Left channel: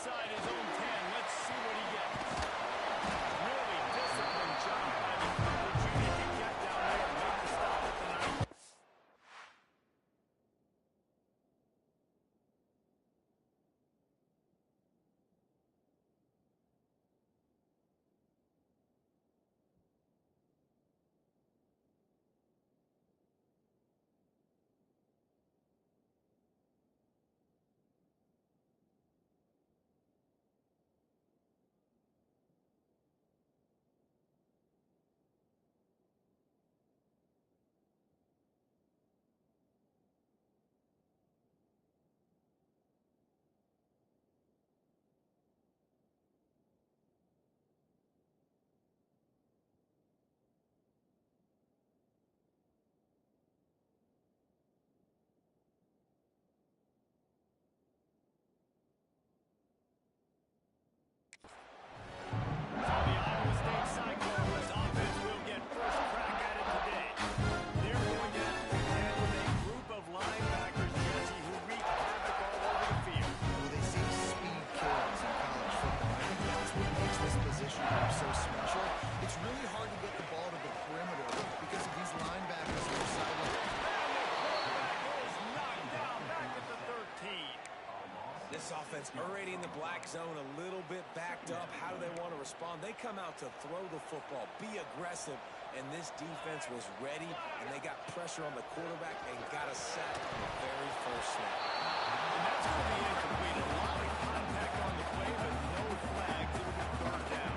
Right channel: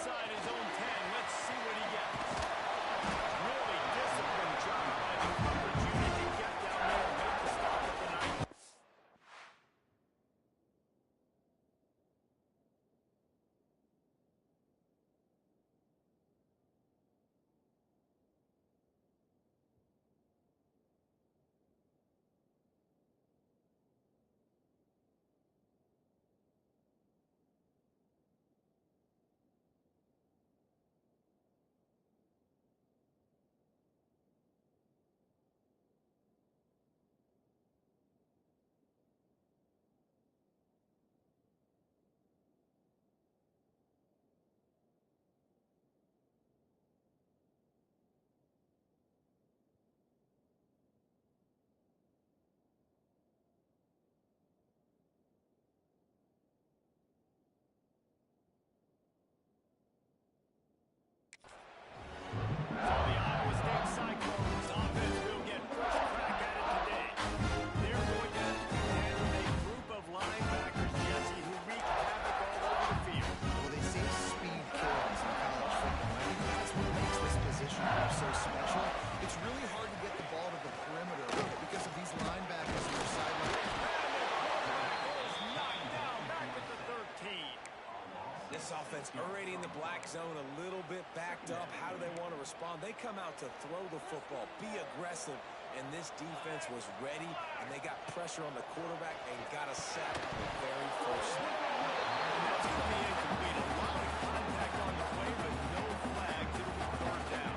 inside his own 10. Let's see what he gets. Really disciplined job by the coverage unit to get down there and make the stop at the 9. So the Iowa State Cyclones offense will get first crack at it today. They're going to have to contend with a group of linebackers, Jesse, who wreak havoc all over the field. Well, they say speed kills in college football. I think that's what makes this position group so special. It's really hard to get the ball to the perimeter because of these linebackers on their sideline. And the quarterback is knocked down back at the 13. This offense already in the black zone, a little bit backed up. How do they want to respond? They come out to throw the football, be aggressive, and this defense was ready, and they got pressure on the quarterback and got a sack on the very first snap. And that's going to be incomplete. A lot of contact on the play, but no flags. It'll be third down.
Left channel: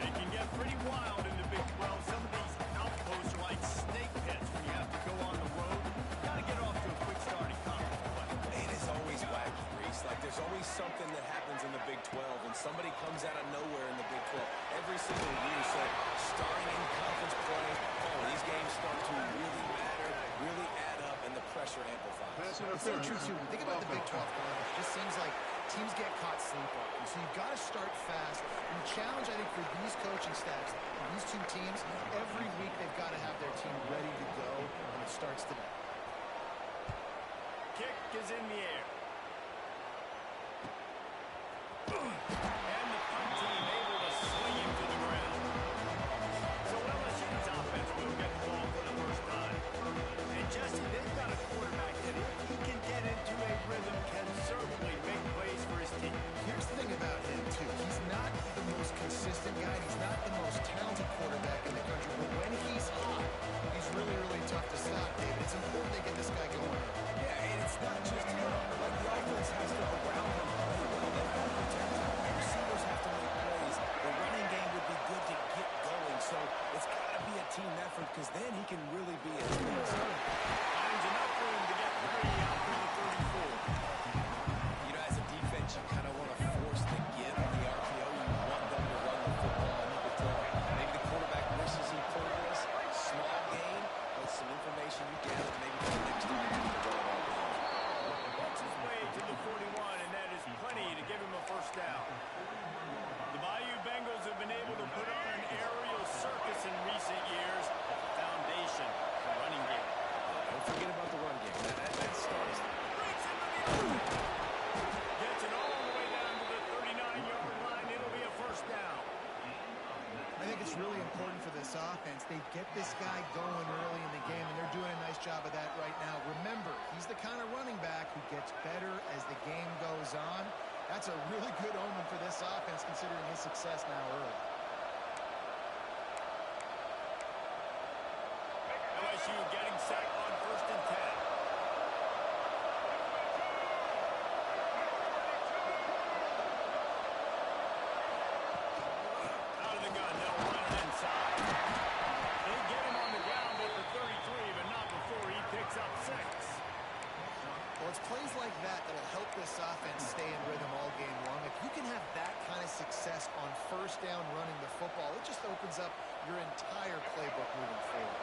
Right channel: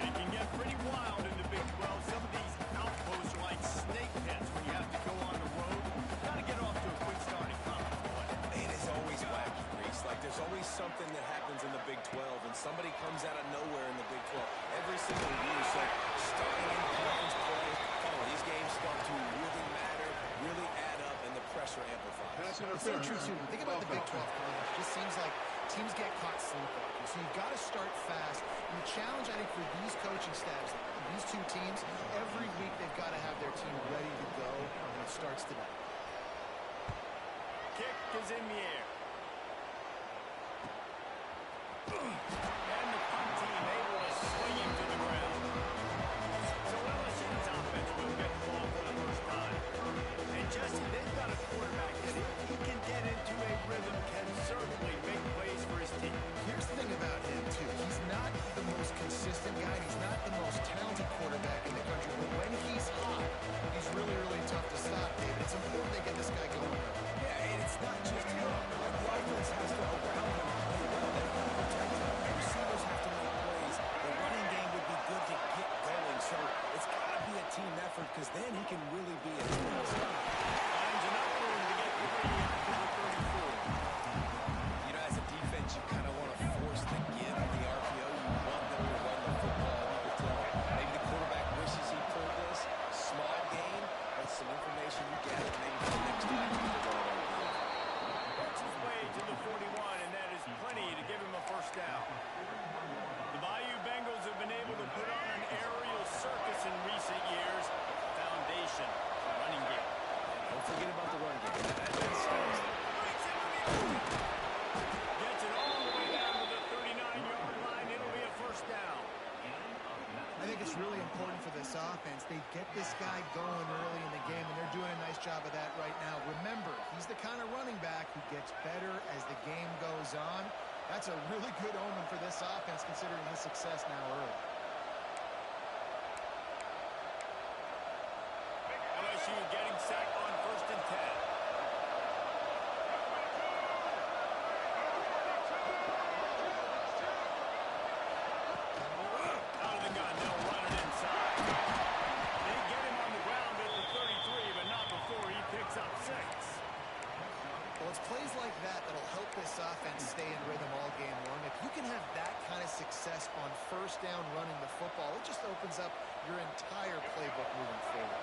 It can get pretty wild in the Big 12. Some of these outposts are like snake pits when you have to go on the road. Got to get off to a quick start in conference play. It is always wacky, Reese. Like, there's always something that happens in the Big 12, and somebody comes out of nowhere in the Big 12 every single year. So, starting in conference play, these games start to really matter, really add up, and the pressure amplifies. It's so true, too. Think about the Big 12 conference. It just seems like teams get caught sleepwalking. So, you've got to start fast. And the challenge, I think, for these coaching staffs, these two teams, every week they've got to have their team ready to go, and it starts today. Kick is in the air. And the punt team able to swing him to the ground. So LSU's offense will get the ball for the first time. And Jesse, they've got a quarterback that if he can get into a rhythm, can certainly make plays for his team. Here's the thing about him, too. He's not the most consistent guy. He's not the most talented quarterback in the country. But when he's hot, he's really, really tough to stop, David. It's important they get this guy going. Yeah, and it's not just him. Like, the offense has to around him play well. They've got to protect him. The receivers have to make plays. The running game would be good to get going. So it's got to be a team effort because then he can really be a team. Finds enough room to get 3 out to the 34. You know, as a defense, you kind of want to force the give on the RPO. You want them to run the football, and you could tell maybe the quarterback wishes he pulled this. Small gain, but some information you gather maybe for the next time you need to run an RPO. Works his way to the 41, and that is plenty to give him a first down. The Bayou Bengals have been able to put on an aerial circus in recent years, a foundation for running game. Don't forget about the run game. That starts there. Breaks into the open. Gets it all the way down to the 39-yard line. It'll be a first down. I think it's really important for this offense. They get this guy going early in the game, and they're doing a nice job of that right now. Remember, he's the kind of running back who gets better as the game goes on. That's a really good omen for this offense, considering his success now early. LSU getting set on 1st and 10. Picks up 6. Well, it's plays like that that'll help this offense stay in rhythm all game long. If you can have that kind of success on first down running the football, it just opens up your entire playbook moving forward.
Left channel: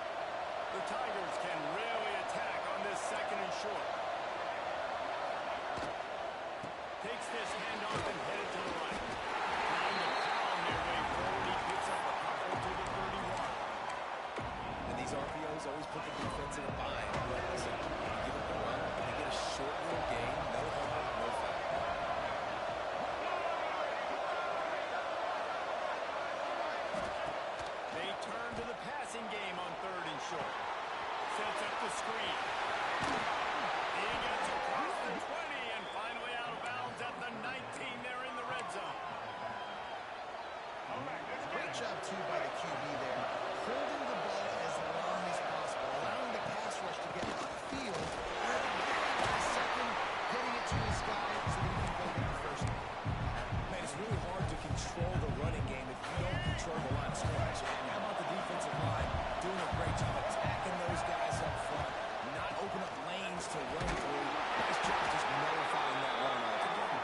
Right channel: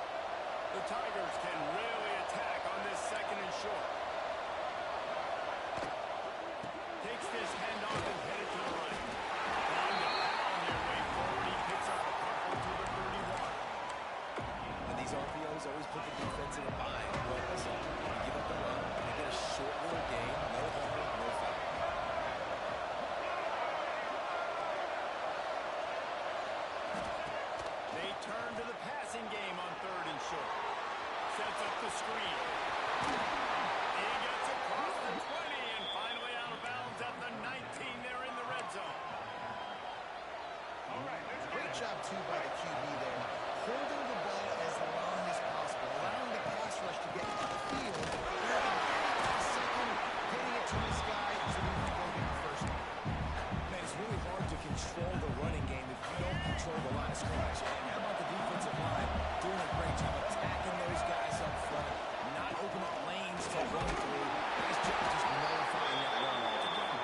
The Tigers can really attack on this 2nd and short. Takes this handoff and headed to the right. Trying to pound their way forward. He picks up a couple to the 31. And these RPOs always put the defense in a bind. So you give up the run, you get a short little gain, no harm, no foul. turn to the passing game on 3rd and short. Sets up the screen. He gets across the 20 and finally out of bounds at the 19. They're in the red zone. Great job, too, by the QB there. Holding the ball as long as possible, allowing the pass rush to get upfield, and at the very last second, getting it to his guy so that he can go get the first down. Man, it's really hard to control the running game if you don't control the line of scrimmage. And how about the defensive line doing a great job attacking those guys up front, not open up lanes to run through. Nice job just nullifying that run altogether.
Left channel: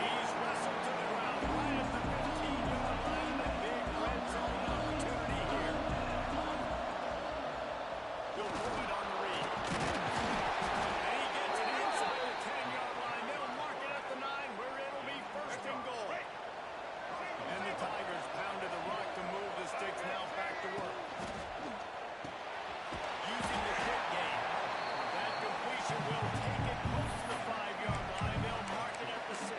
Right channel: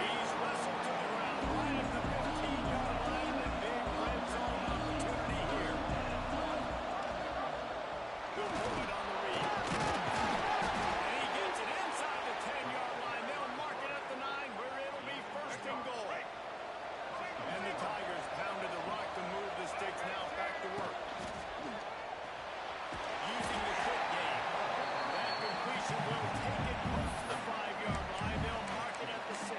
He's wrestled to the ground right at the 15-yard line. The big red zone opportunity here. They'll pull it on the read. And he gets it inside the 10-yard line. They'll mark it at the 9 where it'll be 1st and goal. And the Tigers pounded the rock to move the sticks now back to work. Using the quick game. That completion will take it close to the 5-yard line. They'll mark it at the 6.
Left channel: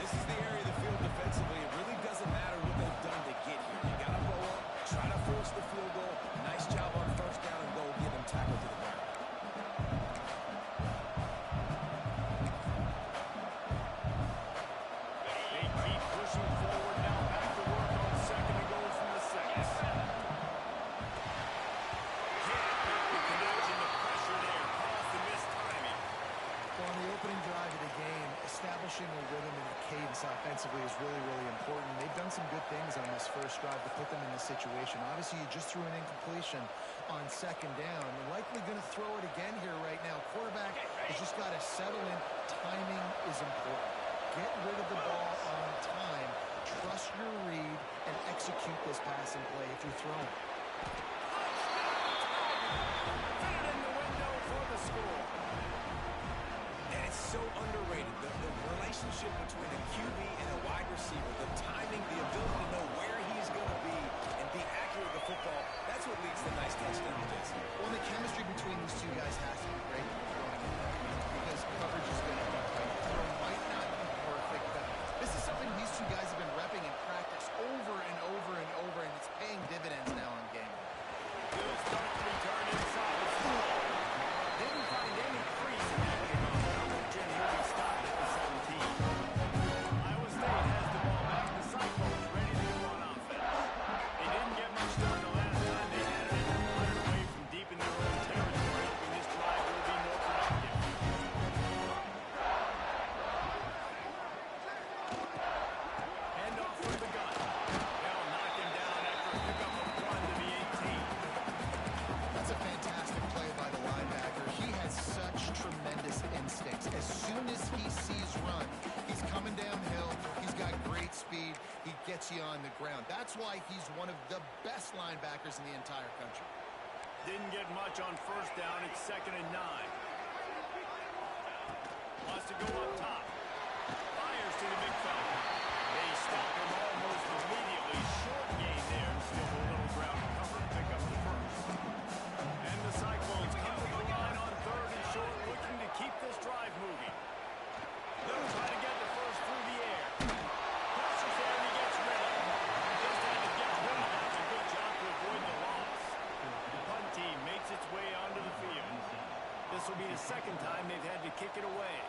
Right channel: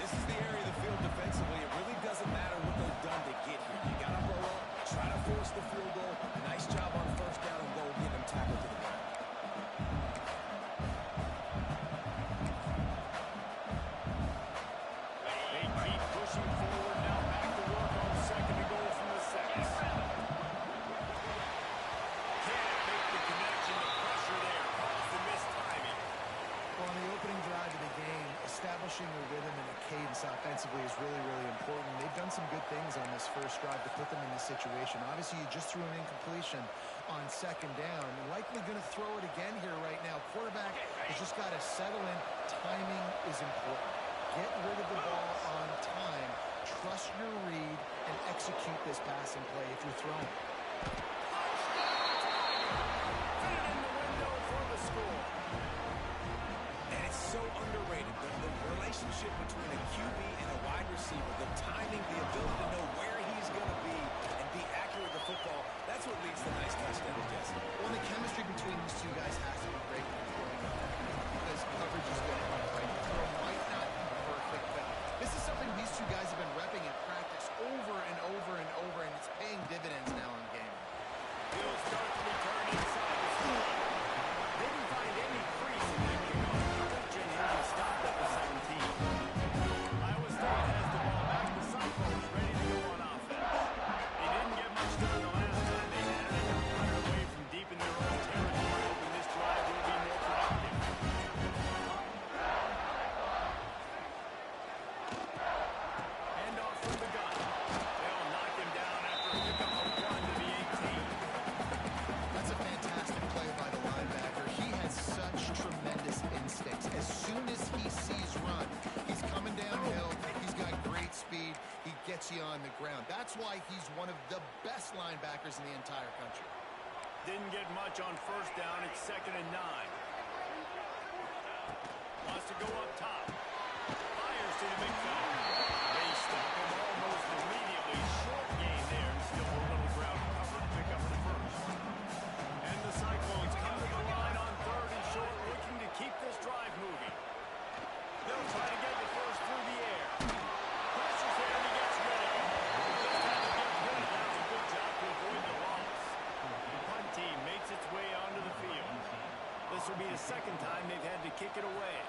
This is the area of the field defensively. It really doesn't matter what they've done to get here. You got to blow up, try to force the field goal. Nice job on 1st down and goal, get them tackled to the ground. They keep pushing forward now back to work on 2nd and goal from the 6. Can't make the connection. The pressure there caused the missed timing. Well, on the opening drive of the game, establishing a rhythm and a cadence offensively is really, really important. They've done some good things on this first drive to put them in this situation. Obviously, you just threw an incompletion on 2nd down. Likely going to throw it again here right now. Quarterback has just got to settle in. Timing is important. Get rid of the ball on time. Trust your read and execute this passing play if you're throwing. Touchdown, Tiger! Fit it in the window for the score. And it's so underrated, the relationship between a QB and a wide receiver, the timing, the ability to know where he's going to be and be accurate with the football, that's what leads to nice touchdowns, Jesse. Well, the chemistry between these two guys has to be great when you're throwing it because coverage is going to be tight. The throw might not be perfect, but this is something these two guys have been repping in practice over and over and over, and it's paying dividends now in game. He'll start to return inside the field. Didn't find any crease in that kickoff coverage, and he'll be stopped at the 17. Iowa State has the ball back. The Cyclones ready to go on offense. They didn't get much done the last time they had it, and they're punted away from deep in their own territory, hoping this drive will be more productive. Hand off from the gun. They'll knock him down after a pickup of 1 to the 18. That's a fantastic play by the linebacker. He has such tremendous instincts. As soon as he sees run, he's coming downhill. He's got great speed. He gets you on the ground. That's why he's one of the best linebackers in the entire country. Didn't get much on 1st down. It's 2nd and 9. Wants to go up top. Fires to the big fella. They stop him almost immediately. Short gain there and still a little ground cover to pick up the 1st. And the Cyclones come to the line on 3rd and short, looking to keep this drive moving. They'll try to get the 1st through the air. Pressure's there and he gets rid of it. Just had to get rid of that. A good job to avoid the loss. The punt team makes its way onto the field. This will be the 2nd time they've had to kick it away.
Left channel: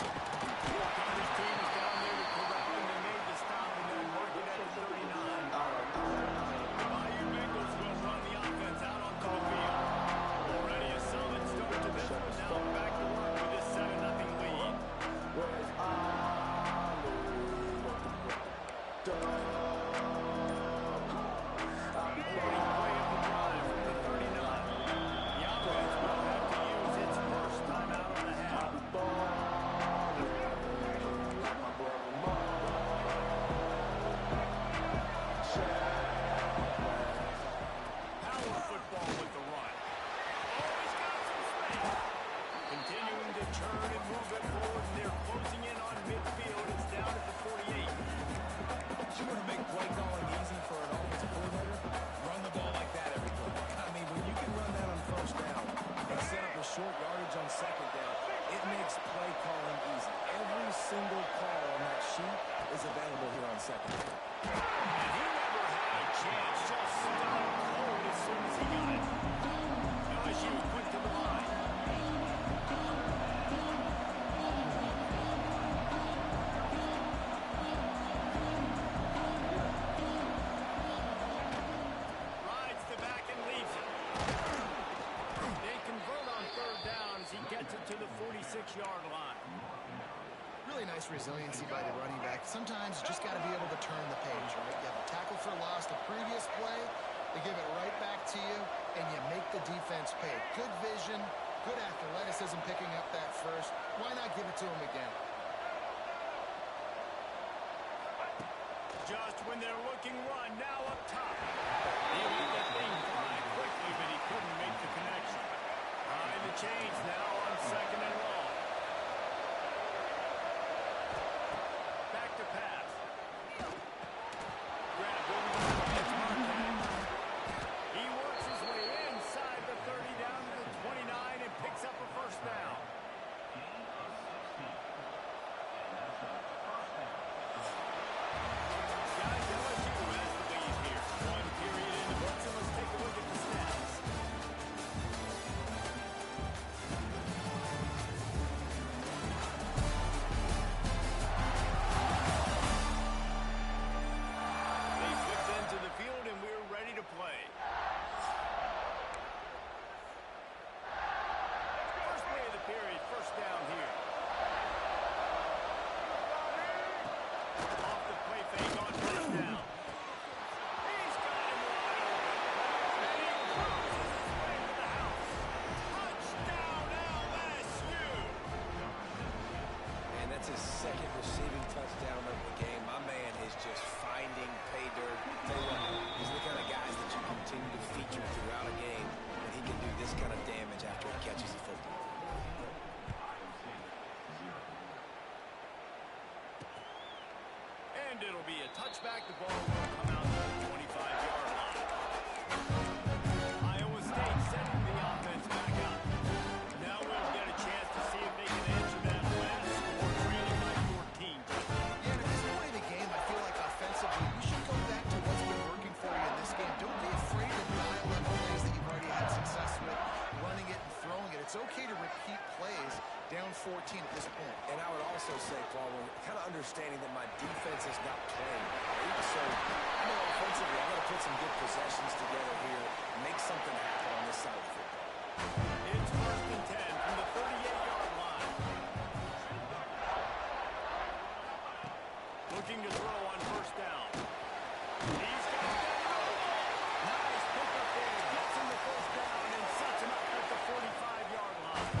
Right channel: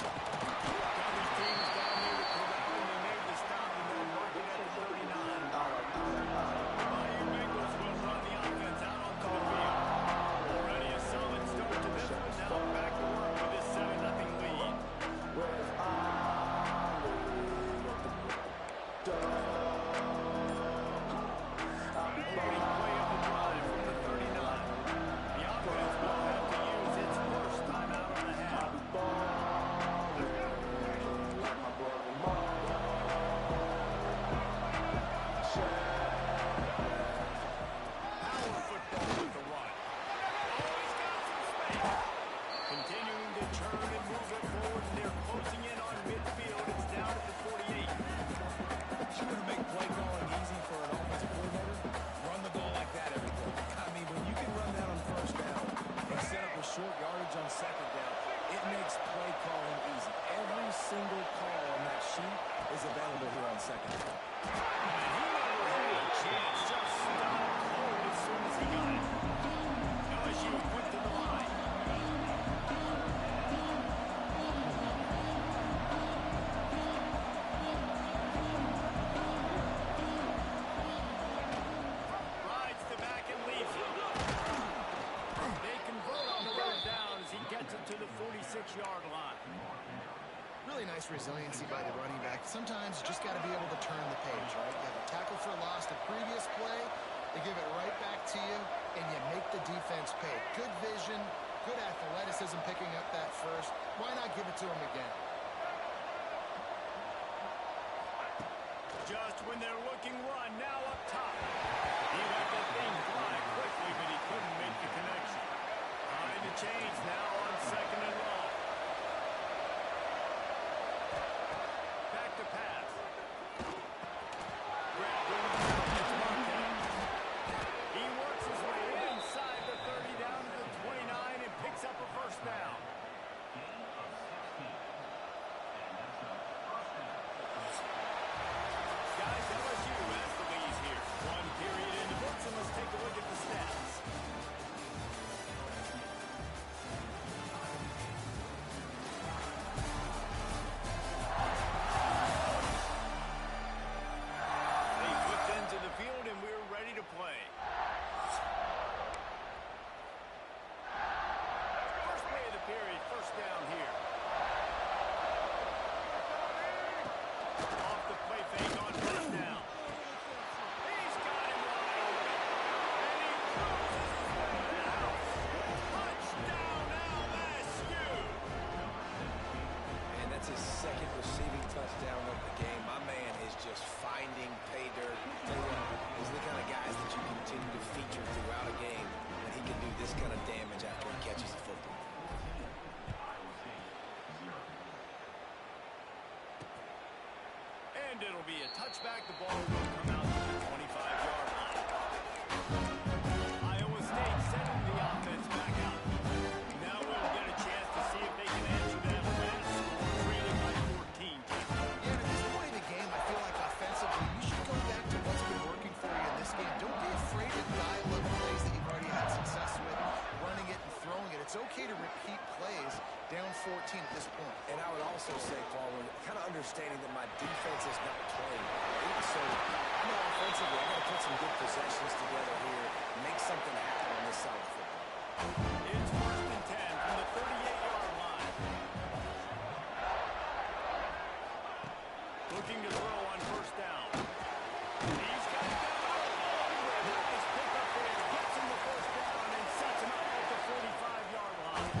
Coverage team is down there to corral him. They made the stop and they'll mark it at the 39. The Bayou Bengals will run the offense out onto the field. Already a solid start to this one. Now back to work with this 7-0 lead. Opening play of the drive from the 39. The offense will have to use its first timeout on the half. Power football with the run. Oh, he's got some space. Continuing to turn and move it forward, and they're closing in on midfield. It's down at the 48. You want to make play calling easy for an offensive coordinator? Run the ball like that every play. I mean, when you can run that on 1st down and set up a short yardage on 2nd down, it it makes play calling easy. Every single call on that sheet is available here on second down. And he never had a chance. Just stopped cold as soon as he got it. LSU quick to the line. Rides the back and leaves it. They convert on third down as he gets it to the 46-yard line. Really nice resiliency by the running back. Sometimes you just got to be able to turn the page, right? You have a tackle for loss the previous play, they give it right back to you, and you make the defense pay. Good vision, good athleticism picking up that first. Why not give it to him again? Just when they're looking run, now up top. He let that thing fly quickly, but he couldn't make the connection. Behind the chains now on second and long. Back to pass. Grabbed over the middle. It's Marquez. He works his way inside the 30 down to the 29 and picks up a first down. Guys, LSU has the lead here. One period in the books, and let's take a look at the stats. They flipped into the field, and we're ready to play. First play of the period, first down here. Off the play fake on first down. He's got him wide open. And he cruises his way to the house. Touchdown, LSU. And that's his second receiving touchdown of the game. My man is just finding pay dirt. Tell you what, these are the kind of guys that you continue to feature throughout a game when he can do this kind of damage after he catches the football. And it'll be a touchback. The ball will come out to the 25-yard line. Iowa State sending the offense back out. Now we'll get a chance to see if they can answer that last score, trailing by 14. Yeah, and at this point of the game, I feel like offensively, you should go back to what's been working for you in this game. Don't be afraid to dial up plays that you've already had success with, running it and throwing it. It's okay to repeat plays down 14 at this point. And I would also say, Paul, we're kind of understanding that my defense is not playing great. So I know offensively I got to put some good possessions together here, make something happen on this side of the football. It's first and 10 from the 38-yard line. Looking to throw on first down. He's got it down the middle. Nice pick up there. Gets him the first down and sets him up at the 45-yard line.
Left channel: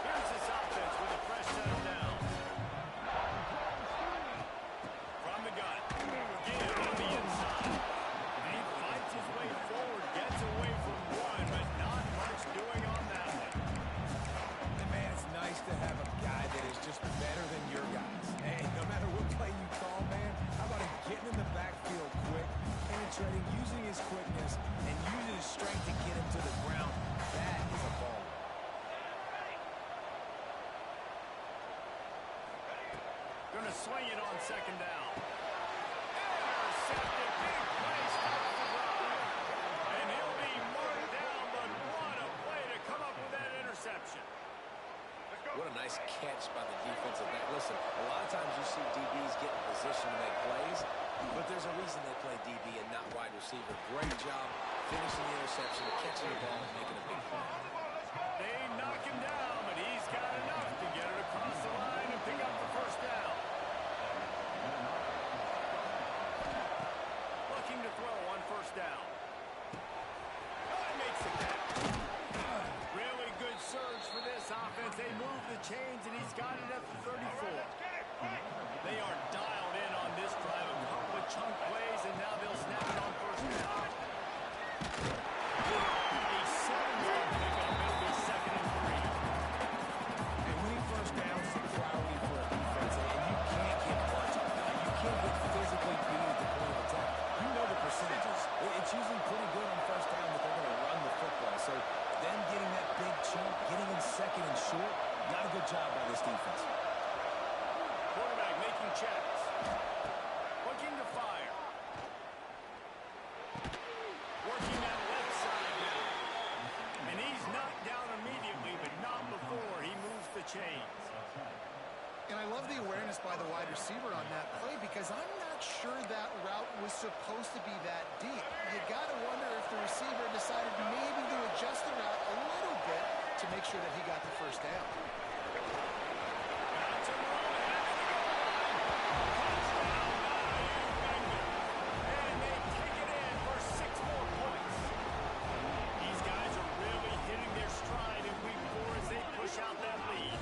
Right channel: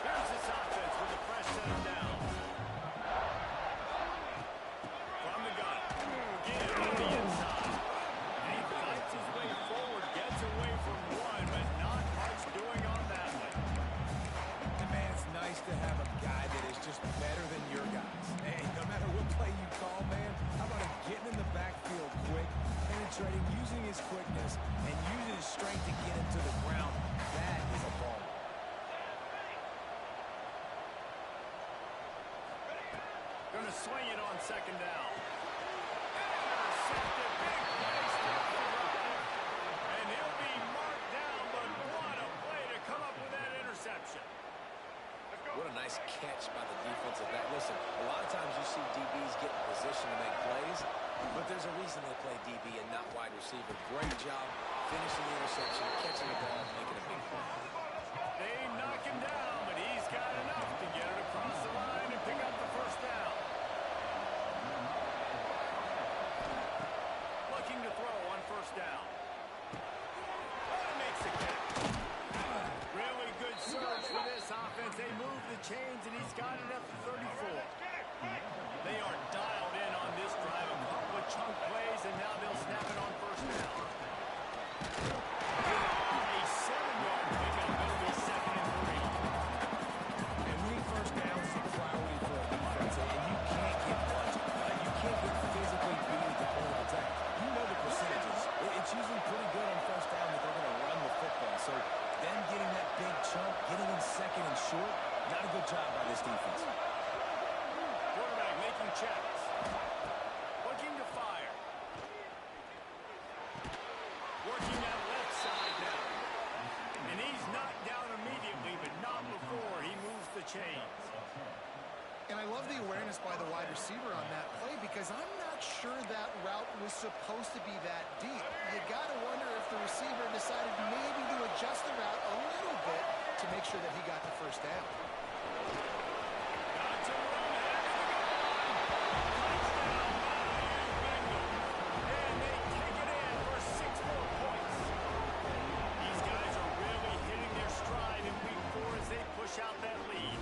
Here's this offense with a fresh set of downs. From the gun. Give on the inside. And he fights his way forward. Gets away from one, but not much doing on that one. And man, it's nice to have a guy that is just better than your guys. Hey, no matter what play you call, man, how about him getting in the backfield quick, penetrating, using his quickness, and using his strength to get him to the ground. That is a ball. Gonna swing it on second down. Intercepted. Big play. Stops the drive. And he'll be marked down, but what a play to come up with that interception. What a nice catch by the defensive back. Listen, a lot of times you see DBs get in position to make plays, but there's a reason they play DB and not wide receiver. Great job finishing the interception, catching the ball, making a big play. They knock him down, but he's got enough to get it across the line and pick up the first down. Looking to throw on first down. Oh, he makes the catch. Really good surge for this offense. They move the chains, and he's got it at the 34. They are dialed in on this drive. A couple of chunk plays, and now they'll snap it on first down. A 7-yard pickup. It'll be second and 3. And winning first down is a priority for a defense, and you can't get bludgeoned. You can't get physically beat at the point of attack. You know the percentages. It's usually pretty good on first down that they're going to run the football. So them getting that big chunk, getting in second and short, Not a good job by this defense. Quarterback making checks. Looking to fire. Working that left side now. And he's knocked down immediately, but not before he moves the chains. And I love the awareness by the wide receiver on that play because I'm not sure that route was supposed to be that deep. You got to wonder if the receiver decided maybe to adjust the route a little bit to make sure that he got the first down. Got some room ahead of the goal line. Touchdown by you Bengals. And they take it in for 6 more points. These guys are really hitting their stride in week 4 as they push out that lead.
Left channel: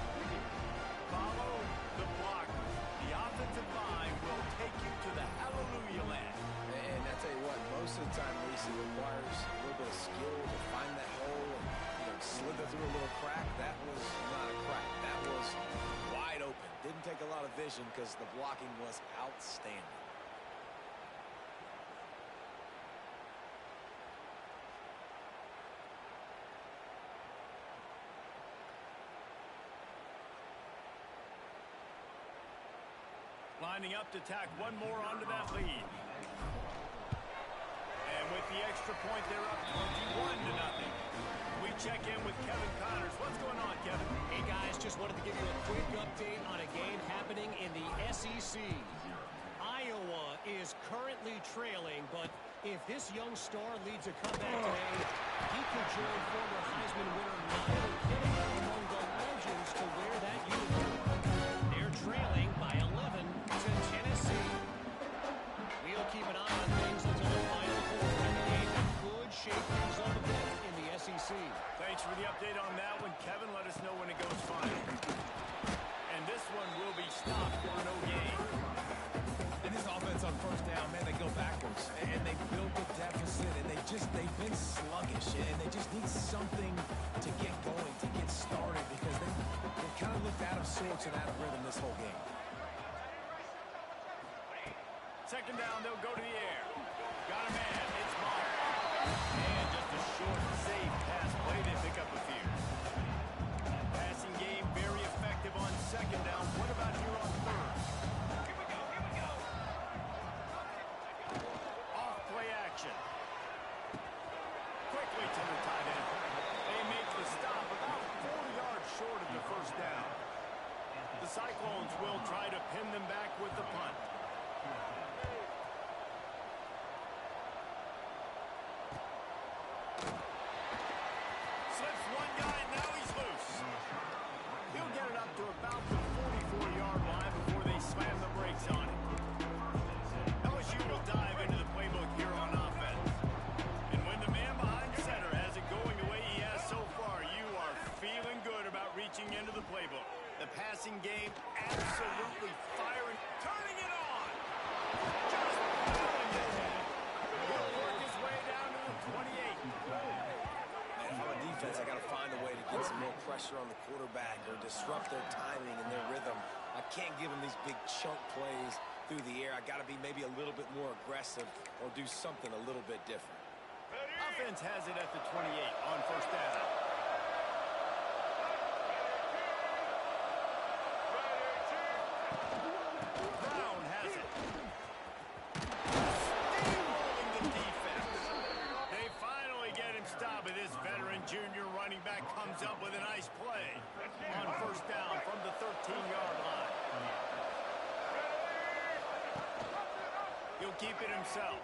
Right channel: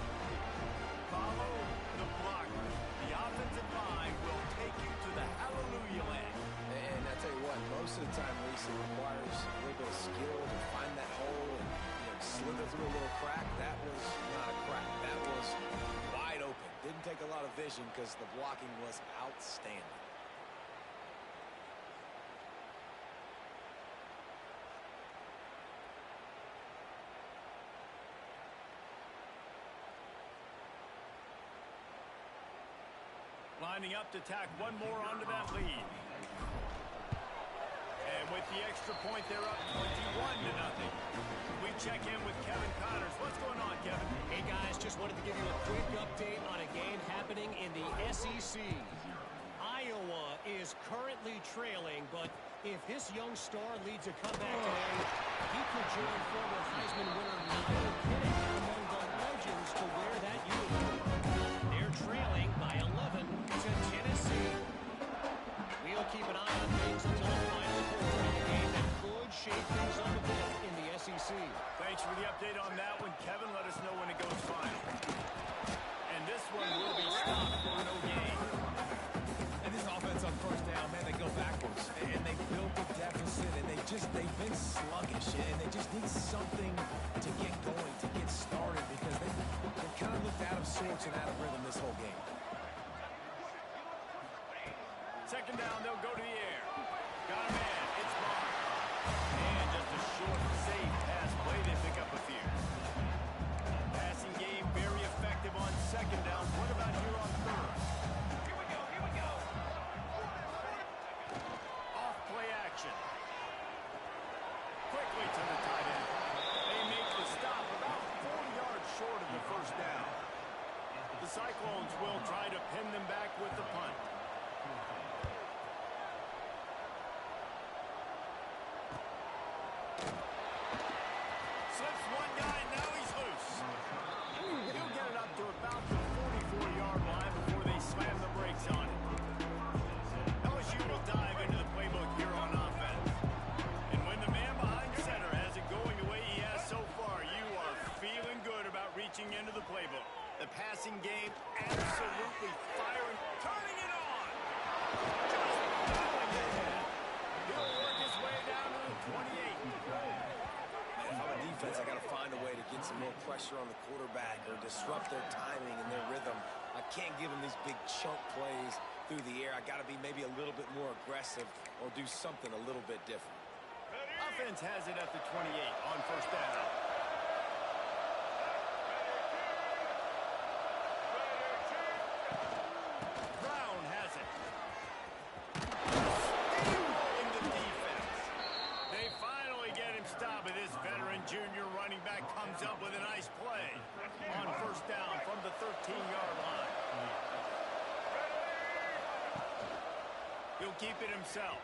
Follow the blockers. The offensive line will take you to the hallelujah land. And I tell you what, most of the time, Reese, it requires a little bit of skill to find that hole and, slither through a little crack. That was not a crack. That was wide open. Didn't take a lot of vision because the blocking was outstanding. Lining up to tack one more onto that lead. And with the extra point, they're up 21-0. We check in with Kevin Connors. What's going on, Kevin? Hey, guys, just wanted to give you a quick update on a game happening in the SEC. Iowa is currently trailing, but if this young star leads a comeback today, he could join former Heisman winner Niall Kinnick among the legends to wear that uniform. They're trailing by 11 to Tennessee. We'll keep an eye on things until the final quarter in a game that could shake things up a bit in the SEC. Thanks for the update on that one, Kevin. Let us know when it goes final. And this one will be stopped for no gain. And this offense on first down, man, they go backwards. And they built a deficit, and they've been sluggish. And they just need something to get going, to get started, because they've kind of looked out of sorts and out of rhythm this whole game. Second down, they'll go to the air. Got a man. It's Mark. And just a short, safe pass play. They pick up a few. Passing game very effective on second down. What about here on third? Here we go. Here we go. Off play action. Quickly to the tight end. They make the stop about 4 yards short of the first down. The Cyclones will try to pin them back with the punt. Slips one guy, now he's loose. He'll get it up to about the 44-yard line before they slam the brakes on it. LSU will dive into the playbook here on offense. And when the man behind center has it going the way he has so far, you are feeling good about reaching into the playbook. The passing game absolutely firing, turning it on. Just plowing ahead. He'll work his way down to the 28. If I'm a defense, I got to find a way to get some more pressure on the quarterback or disrupt their timing and their rhythm. I can't give them these big chunk plays through the air. I got to be maybe a little bit more aggressive or do something a little bit different. Offense has it at the 28 on first down. Brown has it. Steamrolling the defense. They finally get him stopped, but this veteran junior running back comes up with a nice play on first down from the 13-yard line. He'll keep it himself.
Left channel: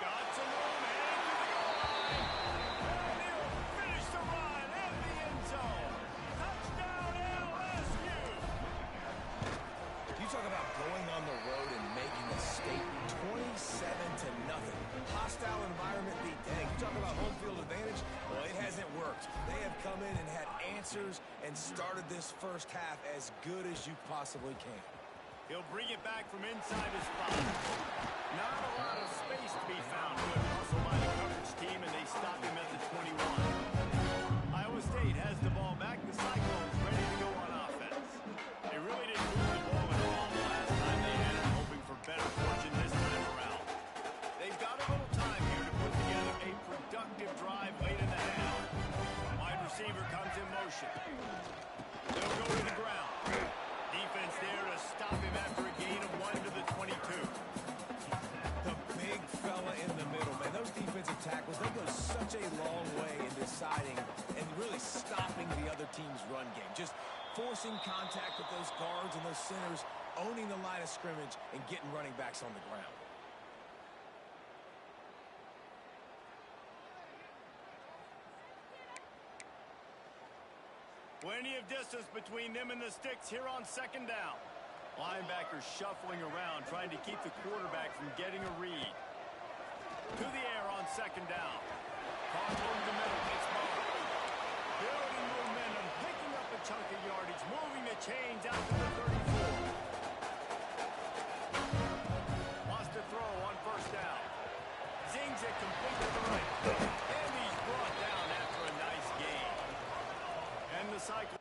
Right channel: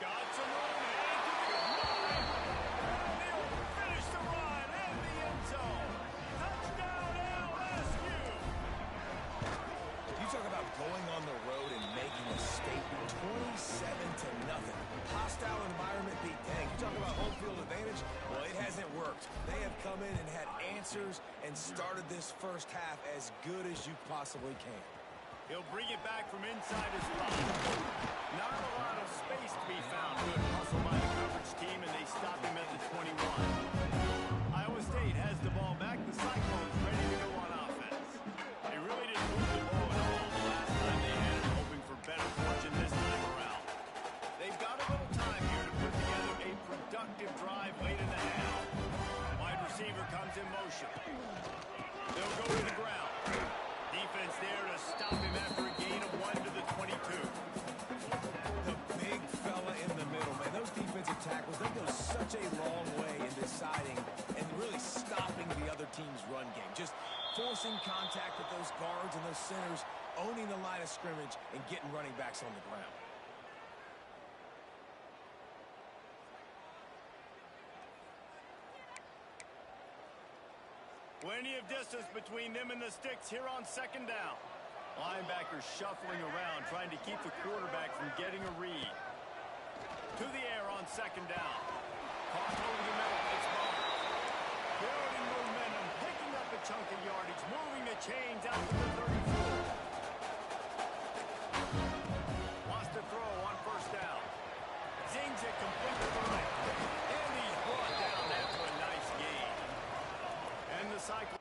Got some room, headed to the goal line. And he'll finish the run in the end zone. Touchdown, LSU. You talk about going on the road and making a statement. 27-0. Hostile environment beat. Dang, you talk about home field advantage? Well, it hasn't worked. They have come in and had answers and started this first half as good as you possibly can. He'll bring it back from inside his spot. Not a lot of space to be found. Good hustle by the coverage team, and they stop him at the 21. Iowa State has the ball back. The Cyclones ready to go on offense. They really didn't move the ball at all the last time they had it, hoping for better fortune this time around. They've got a little time here to put together a productive drive late in the half. Wide receiver comes in motion. They'll go to the ground. Defense there to stop him after a gain of 1 to the 22. The big fella in the middle, man. Those defensive tackles, they go such a long way in deciding and really stopping the other team's run game. Just forcing contact with those guards and those centers, owning the line of scrimmage, and getting running backs on the ground. Plenty of distance between them and the sticks here on second down. Linebackers shuffling around, trying to keep the quarterback from getting a read. To the air on second down. Caught over the middle. It's Barnes. Building momentum, picking up a chunk of yardage, moving the chains out to the 34. Wants to throw on first down. Zings it complete to the right. And he's brought down after a nice gain. And the cycle.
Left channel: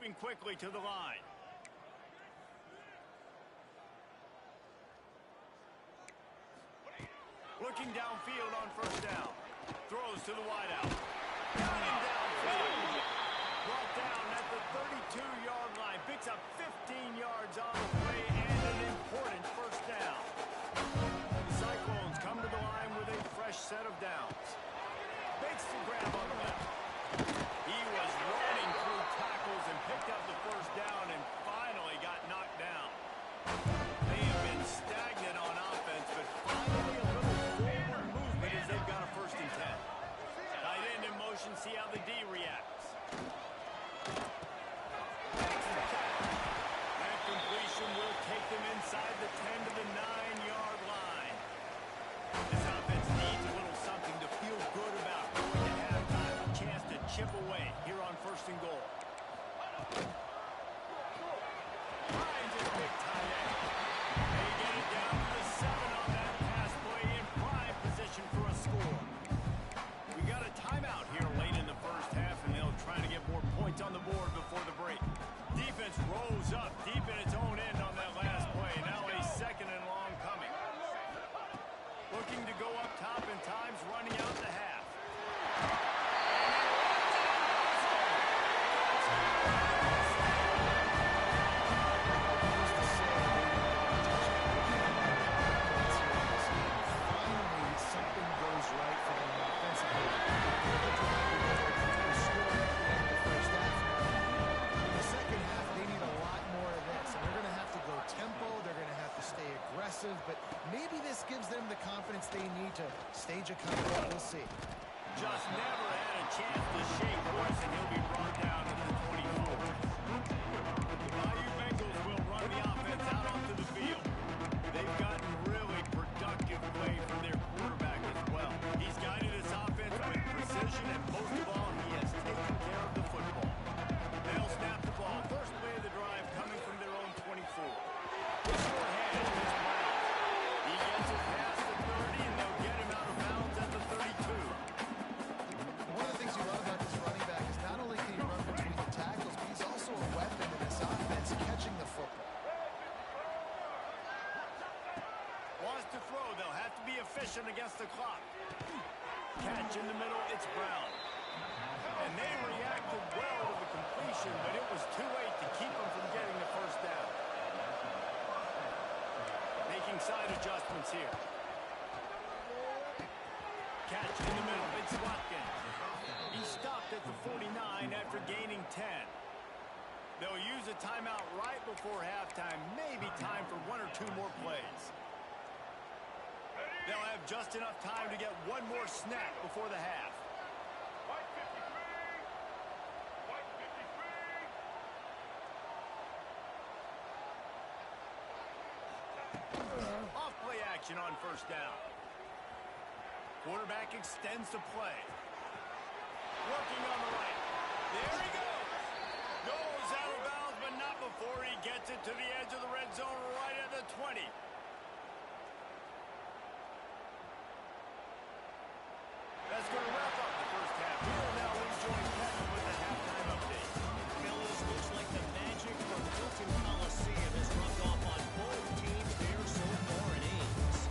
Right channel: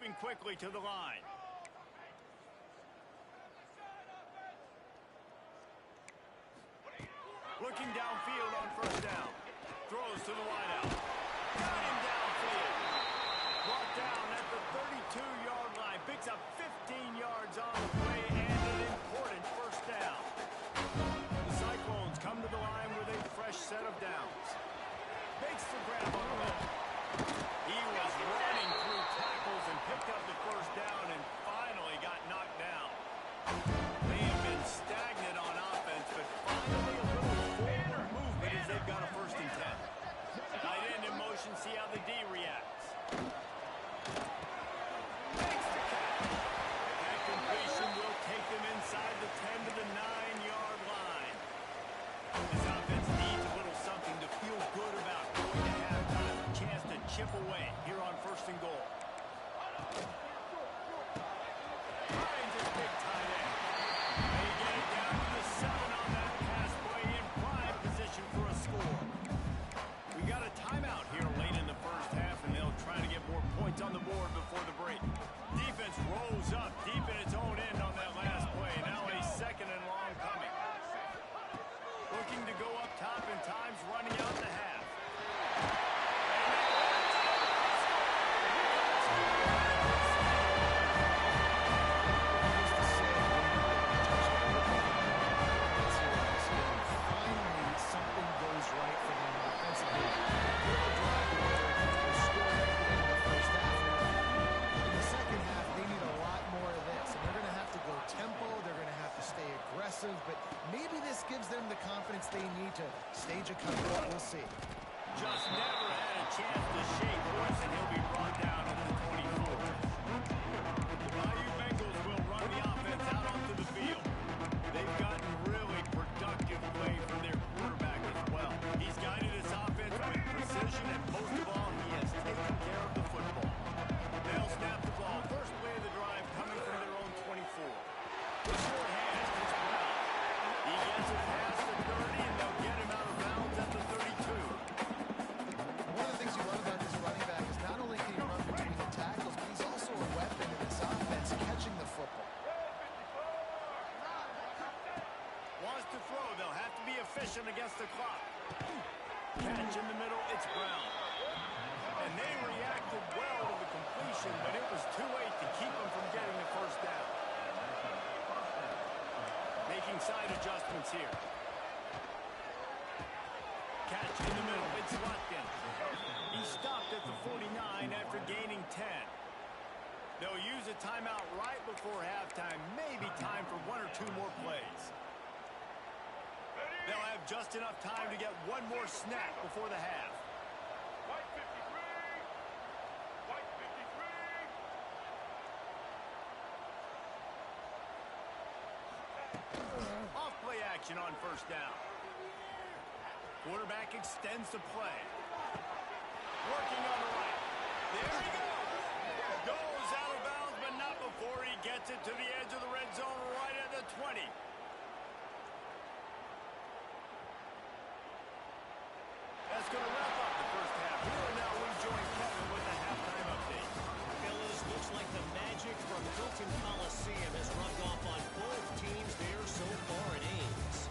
moving quickly to the line. Looking downfield on first down. Throws to the wideout. Got him downfield. Brought down at the 32-yard line. Picks up 15 yards on the play and an important first down. The Cyclones come to the line with a fresh set of downs. Makes the grab on the left. He was running through tackles and picked up the first down and finally got knocked down. They have been stagnant on offense, but finally a little forward movement as they've got a 1st and 10. Tight end in motion, see how the D reacts. Makes the catch. That completion will take them inside the 10 to the 9-yard line. This offense needs a little something to feel good about going to halftime. A chance to chip away here on 1st and goal. Finds his big tight end. They get it down to the 7 on that pass play in prime position for a score. We got a timeout here late in the first half, and they'll try to get more points on the board before the break. Defense rolls up deep in its own end on that last play. Now a 2nd and long coming. Looking to go up top, and time's running out the half. And he runs it into the score. Needless to say, they didn't get a touchdown. They didn't get a lot of points here in this game. Finally, something goes right for them offensively. They put the drive together. They scored at the end of the first half. Now, in the second half, they need a lot more of this. And they're going to have to go tempo. They're going to have to stay aggressive. But maybe this gives them the confidence they need to stage a comeback. We'll see. Just never had a chance to shake Royce, and he'll be brought down at the 24. The Bayou Bengals will run the offense out onto the field. They've gotten really productive play from their quarterback as well. He's guided his offense with precision, and most of all, he has taken care of the football. They'll snap the ball. First play of the drive coming from their own 24. The shorthand, it's Brown. He gets it past the 30, and they'll get him out of bounds at the 32. One of the things you love about this running back is not only can he run between the tackles, but he's also a weapon in this offense, catching the football. Wants to throw. They'll have to be efficient against the clock. Catch in the middle. It's Brown. And they reacted well to the completion, but it was too late to keep them from getting the first down. Making side adjustments here. Catch in the middle. It's Watkins. He stopped at the 49 after gaining 10. They'll use a timeout right before halftime. Maybe time for 1 or 2 more plays. They'll have just enough time to get one more snap before the half. White 53. White 53. Off play action on first down. Quarterback extends the play. Working on the right. There he goes. Goes out of bounds, but not before he gets it to the edge of the red zone right at the 20. That's going to wrap up the first half. Here and now we join Kevin with the halftime update. Fellas, looks like the magic from Hilton Coliseum has rubbed off on both teams there so far in Ames.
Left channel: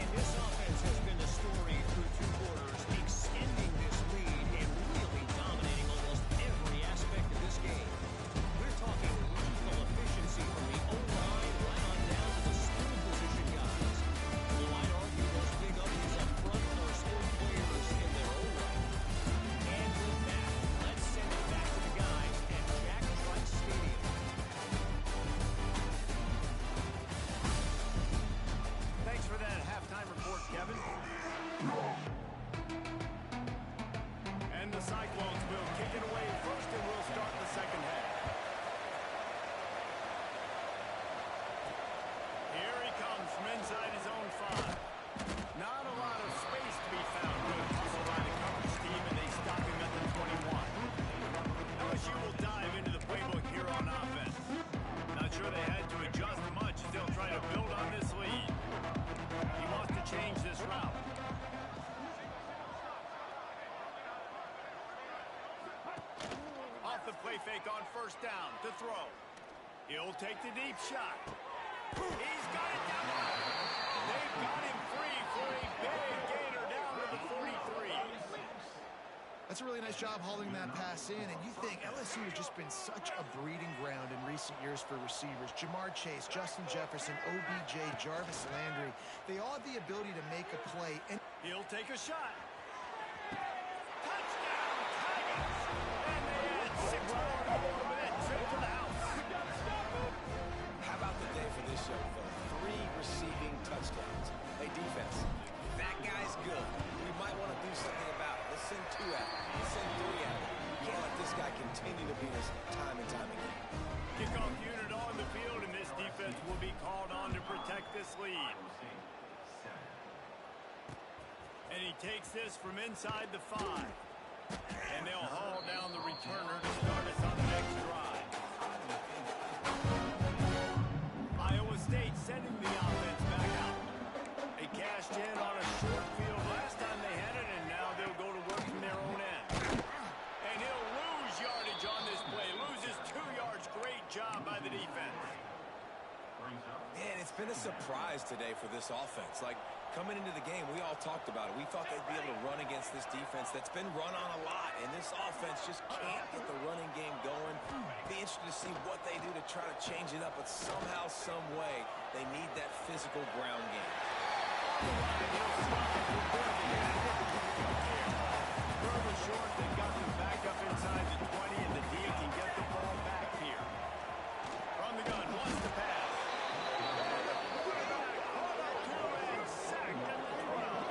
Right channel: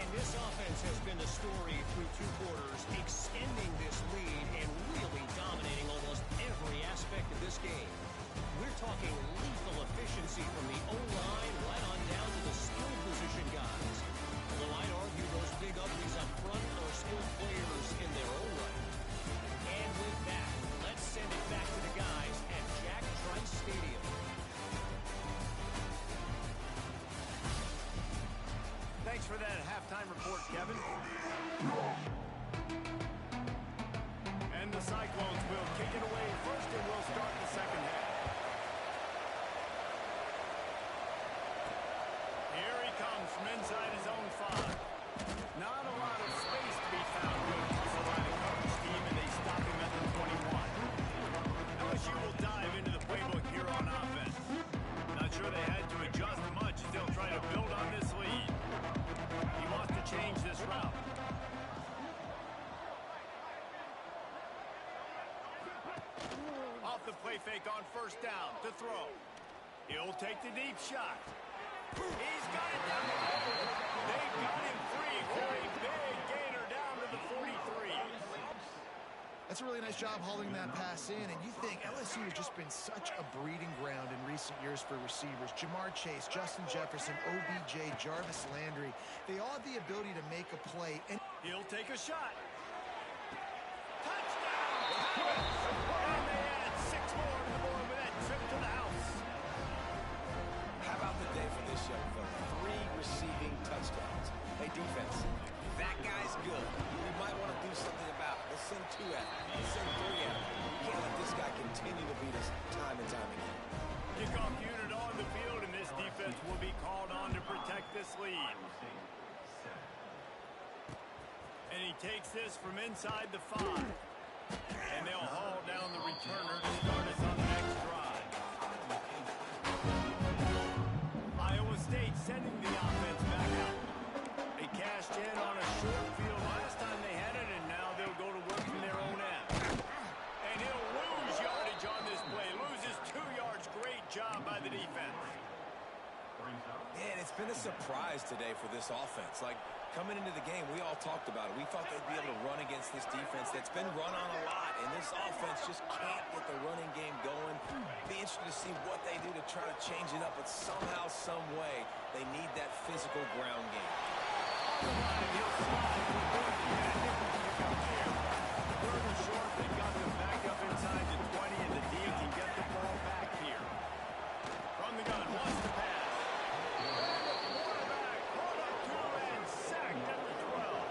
And this offense has been the story through 2 quarters, extending this lead and really dominating almost every aspect of this game. We're talking lethal efficiency from the O-line right on down to the skill position guys. Although I'd argue those big uglies up front are skilled players in their own right. And with that, let's send it back to the guys at Jack Trice Stadium. Thanks for that halftime report, Kevin. And the Cyclones will kick it away first, and we'll start the second half. Here he comes from inside his own 5. Not a lot of space to be found. Good hustle by the coverage team, and they stop him at the 21. LSU will dive into the playbook here on offense. Not sure they had to adjust much. Still trying to build on this lead. He wants to change this route. Off the play fake on first down to throw. He'll take the deep shot. He's got it down the line. They got him free for a big gainer down to the 43. That's a really nice job hauling that pass in, and you think LSU has just been such a breeding ground in recent years for receivers. Jamar Chase, Justin Jefferson, OBJ, Jarvis Landry, they all have the ability to make a play. And he'll take a shot. Touchdown, Tigers! And they add 6 more to the board with that trip to the house. How about the day for this young fella? 3 receiving touchdowns. Hey, defense, that guy's good. We might want to do something about it. Let's send 2 at him. Let's send 3 at him. We can't let this guy continue to beat us time and time again. Kickoff unit on the field, and this defense will be called on to protect this lead. And he takes this from inside the 5. And they'll haul down the returner to start us on the next drive. Iowa State sending the offense back out. They cashed in on a short field last time they had it, and now they'll go to work from their own end. And he'll lose yardage on this play. Loses 2 yards. Great job by the defense. Man, it's been a surprise today for this offense. Like, coming into the game, we all talked about it. We thought they'd be able to run against this defense that's been run on a lot, and this offense just can't get the running game going. Be interested to see what they do to try to change it up, but somehow, some way, they need that physical ground game. On the line, he'll slide. We're going to hit a nickel pick up here. Third and short, they got them back up inside the 20, and the D can get the ball back here. From the gun, wants to pass. And the quarterback caught up to and sacked at the 12.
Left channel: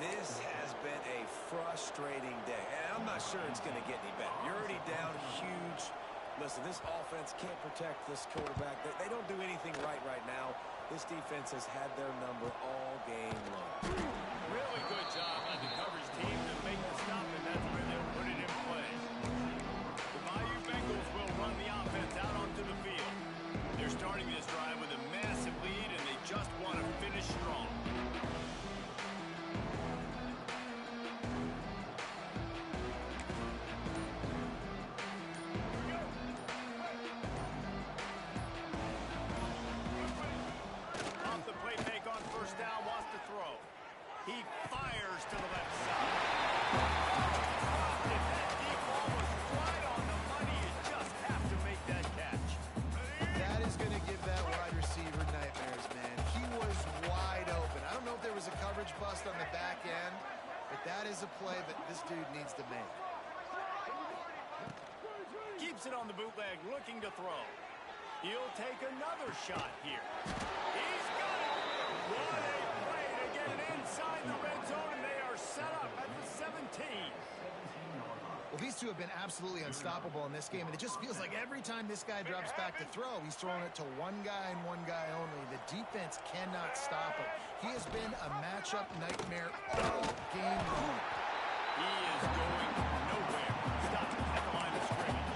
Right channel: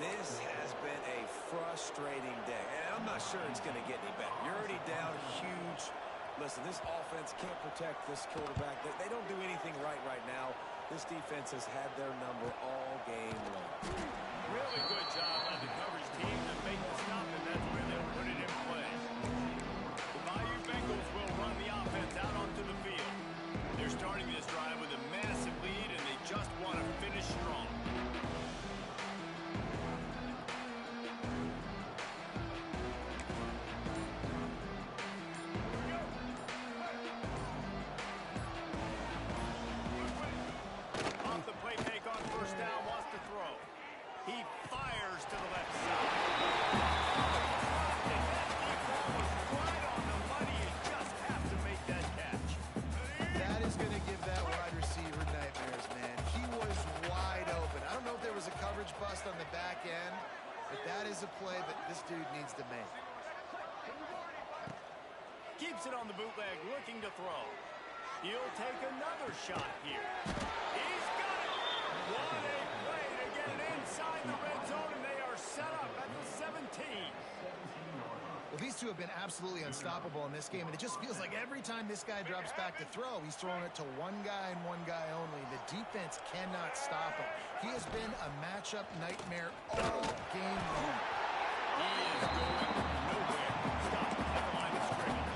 This has been a frustrating day, and I'm not sure it's going to get any better. You're already down huge. Listen, this offense can't protect this quarterback. They don't do anything right now. This defense has had their number all game long. Really good job by the coverage team to make the stop, and that's where they'll put it in play. The Bayou Bengals will run the offense out onto the field. They're starting this drive with a massive lead, and they just want to finish strong. Off the play fake on first down, wants to throw. He fires to the left side. Dropped it. That deep ball was right on the money. You just have to make that catch. that is going to give that wide receiver nightmares, man. He was wide open. I don't know if there was a coverage bust on the back end, but that is a play that this dude needs to make. Keeps it on the bootleg, looking to throw. He'll take another shot here. He's got it. What a play to get it inside the red zone, and they are set up at the 17. Well, these two have been absolutely unstoppable in this game, and it just feels like every time this guy drops back to throw, he's throwing it to one guy and one guy only. The defense cannot stop him. He has been a matchup nightmare all game long. He is going nowhere. Stop at the line of scrimmage.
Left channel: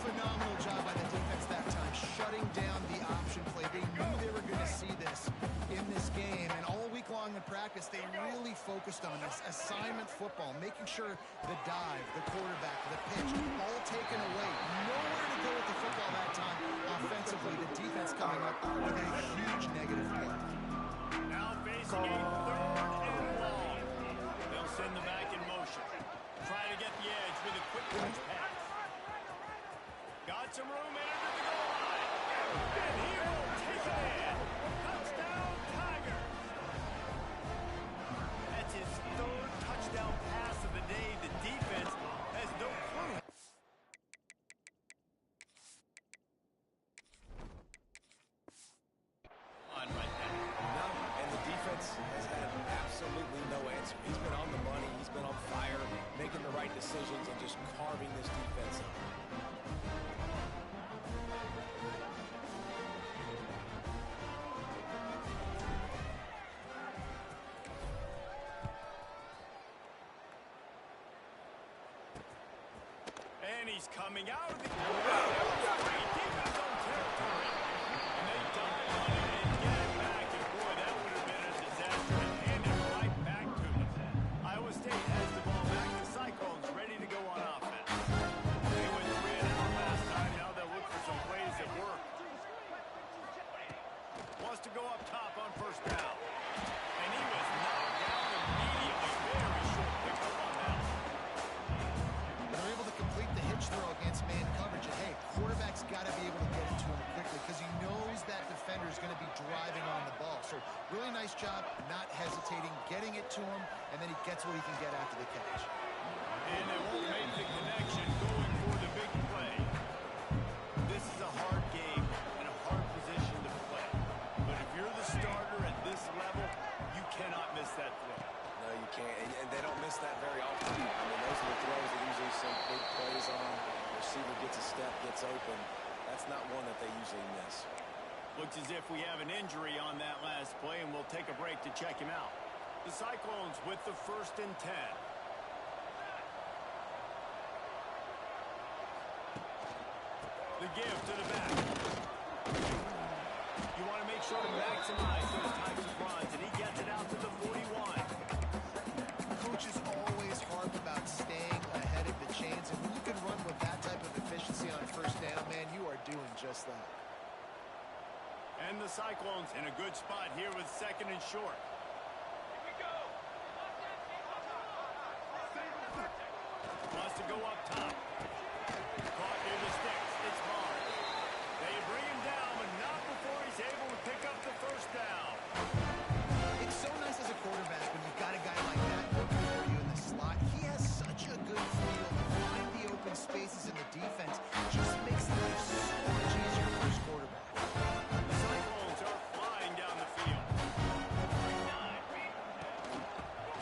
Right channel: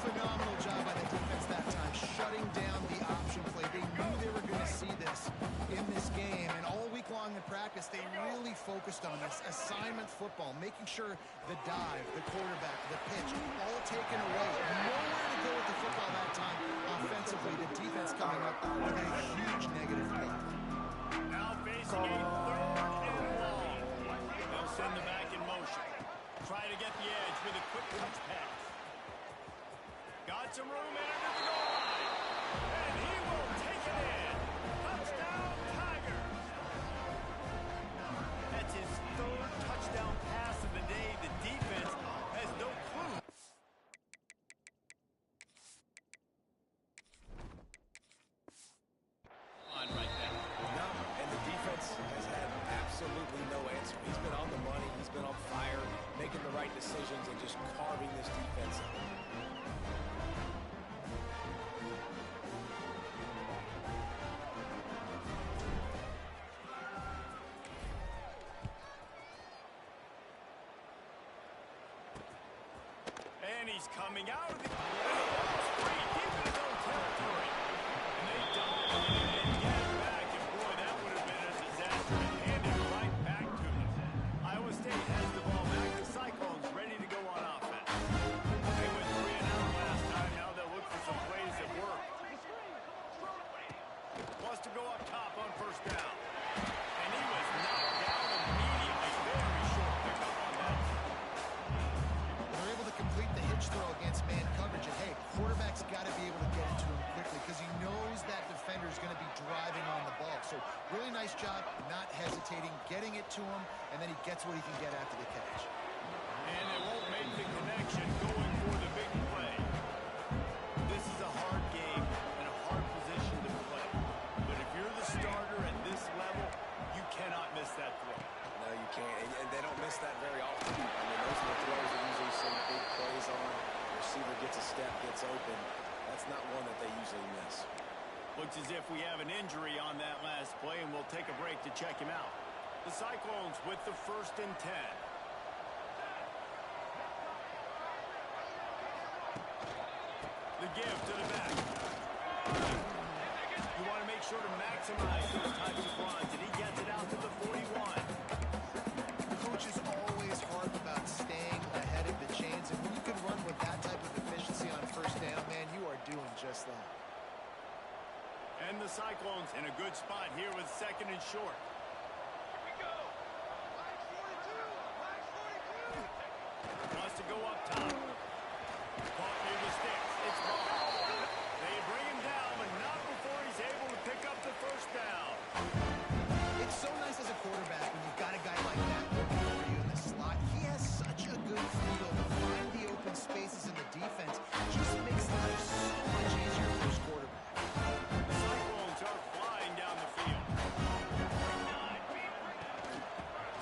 Phenomenal job by the defense that time, shutting down the option play. They knew they were going to see this in this game, and all week long in practice, they really focused on this assignment football, making sure the dive, the quarterback, the pitch, all taken away. Nowhere to go with the football that time. Offensively, the defense coming up with a huge negative play. Now facing a third and long. They'll send the back in motion. Try to get the edge with a quick touch pass. Got some room into the goal line. And he will take it in. Touchdown, Tigers. That's his third touchdown pass of the day. The defense has no clue. On right now. No, and the defense has had absolutely no answer. He's been on the money. He's been on fire, making the right decisions and just carving this defense up. And he's coming out of the free deep in his own territory. And they dive on it and get it back. And boy, that would have been a disaster to hand it right back to them. Iowa State has the ball back. The Cyclones ready to go that defender is going to be driving on the ball. So really nice job not hesitating, getting it to him, and then he gets what he can get after the catch. And they won't make the connection going for the big play. This is a hard game and a hard position to play. But if you're the starter at this level, you cannot miss that throw. No, you can't. And they don't miss that very often. I mean, those are the throws that usually see big plays on. The receiver gets a step, gets open. That's not one that they usually miss. Looks as if we have an injury on that last play, and we'll take a break to check him out. The Cyclones with the 1st and 10. The give to the back. You want to make sure to maximize those types of runs, and he gets it out to the 41. Coaches always harp about staying ahead of the chains, and when you can run with that type of efficiency on 1st down, man, you are doing just that. And the Cyclones in a good spot here with 2nd and short. Here we go. Wants to go up top. Caught near the sticks. It's Barnes. They bring him down, but not before he's able to pick up the 1st down. It's so nice as a quarterback when you've got a guy like that working for you in the slot. He has such a good feel to find the open spaces in the defense. Just makes life so much easier for his quarterback. The Cyclones are flying down the field.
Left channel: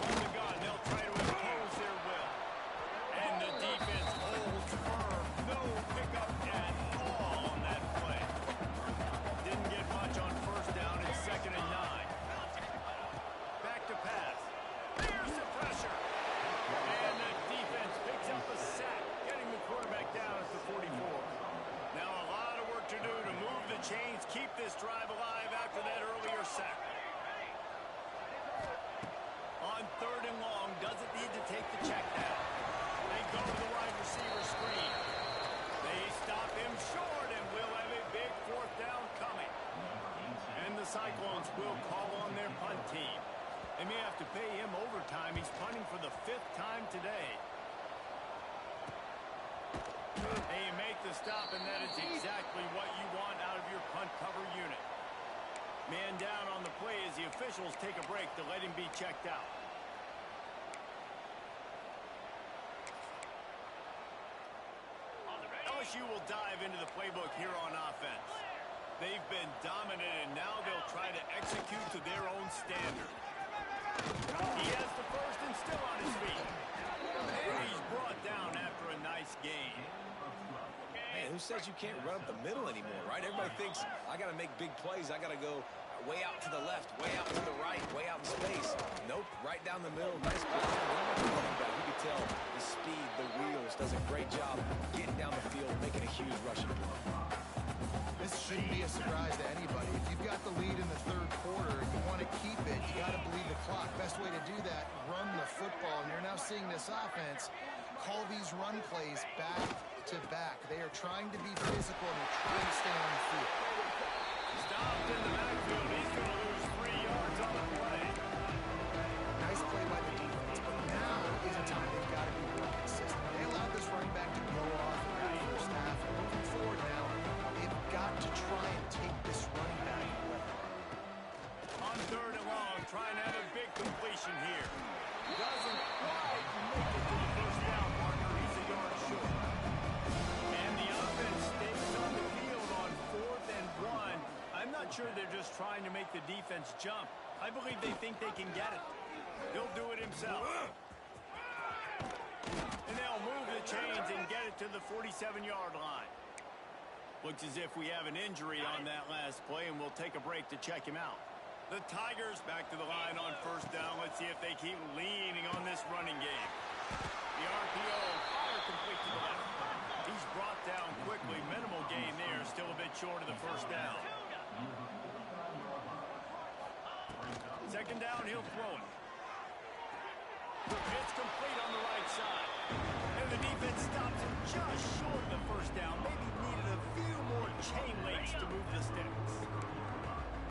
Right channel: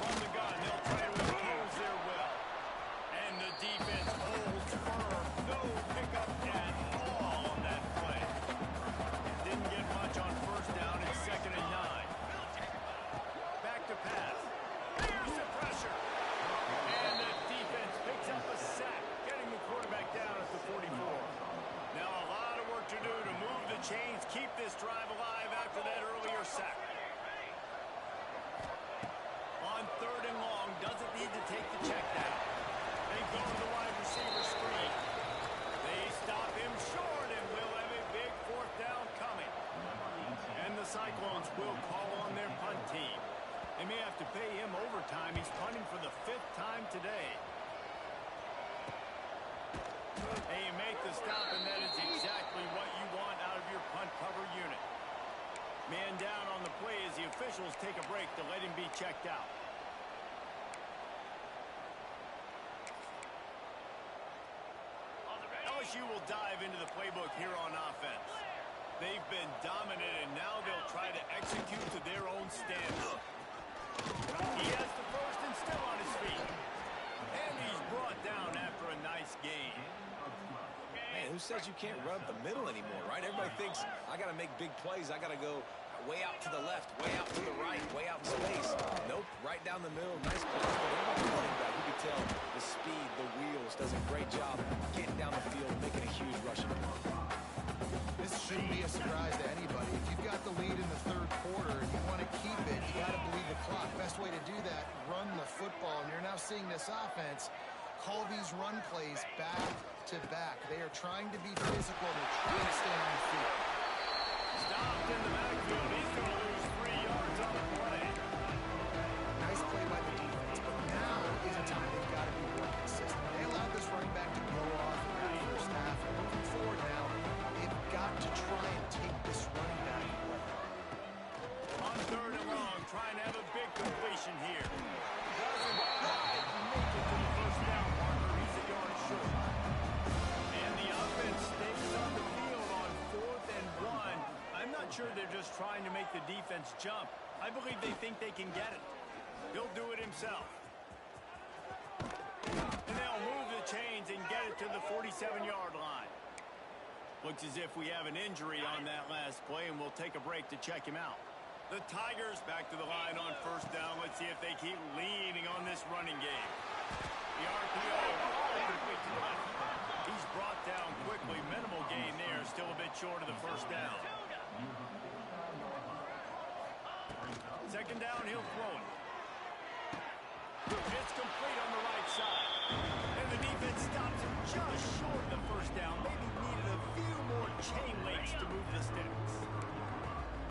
From the gun, they'll try to impose their will. And the defense holds firm. No pickup at all on that play. Didn't get much on 1st down. It's 2nd and 9. Back to pass. Here's the pressure. And the defense picks up a sack, getting the quarterback down at the 44. Now a lot of work to do to move the chains, keep this drive alive after that earlier sack. On 3rd and long, doesn't need to take the check down. They go to the wide receiver screen. They stop him short, and we'll have a big 4th down coming. And the Cyclones will call on their punt team. They may have to pay him overtime. He's punting for the 5th time today. They make the stop, and that is exactly what you want out of your punt cover unit. Man down on the play as the officials take a break to let him be checked out. LSU will dive into the playbook here on offense. They've been dominant, and now they'll try to execute to their own standard. He has the 1st and still on his feet. And he's brought down after a nice gain. Man, who says you can't run up the middle anymore, right? Everybody thinks, I got to make big plays. I got to go way out to the left, way out to the right, way out in space. Nope, right down the middle. Nice play. Running back, you can tell the speed, the wheels, does a great job getting down the field, making a huge rushing play. This shouldn't be a surprise to anybody. If you've got the lead in the 3rd quarter and you want to keep it, you got to bleed the clock. Best way to do that, run the football. And you're now seeing this offense call these run plays back to back. They are trying to be physical, and they're trying to stay on the field. Stopped in the backfield. He's going to lose 3 yards on the play. Nice play by the defense, but now is a time they've got to be more consistent. They allowed this running back to go off in that 1st half. And moving forward now, they've got to try and take this running back away. On 3rd and long, trying to have a big completion here. Doesn't quite make it to the 1st down marker. He's a yard short. And the offense stays on the field on 4th and 1. I'm not sure they're just trying to make the defense jump. I believe they think they can get it. He'll do it himself. And they'll move the chains and get it to the 47-yard line. Looks as if we have an injury on that last play, and we'll take a break to check him out. The Tigers back to the line on 1st down. Let's see if they keep leaning on this running game. The RPO, fire complete to the left. He's brought down quickly. Minimal gain there. Still a bit short of the 1st down. 2nd down, he'll throw it. It's complete on the right side. And the defense stops him just short of the 1st down. Maybe needed a few more chain links to move the sticks.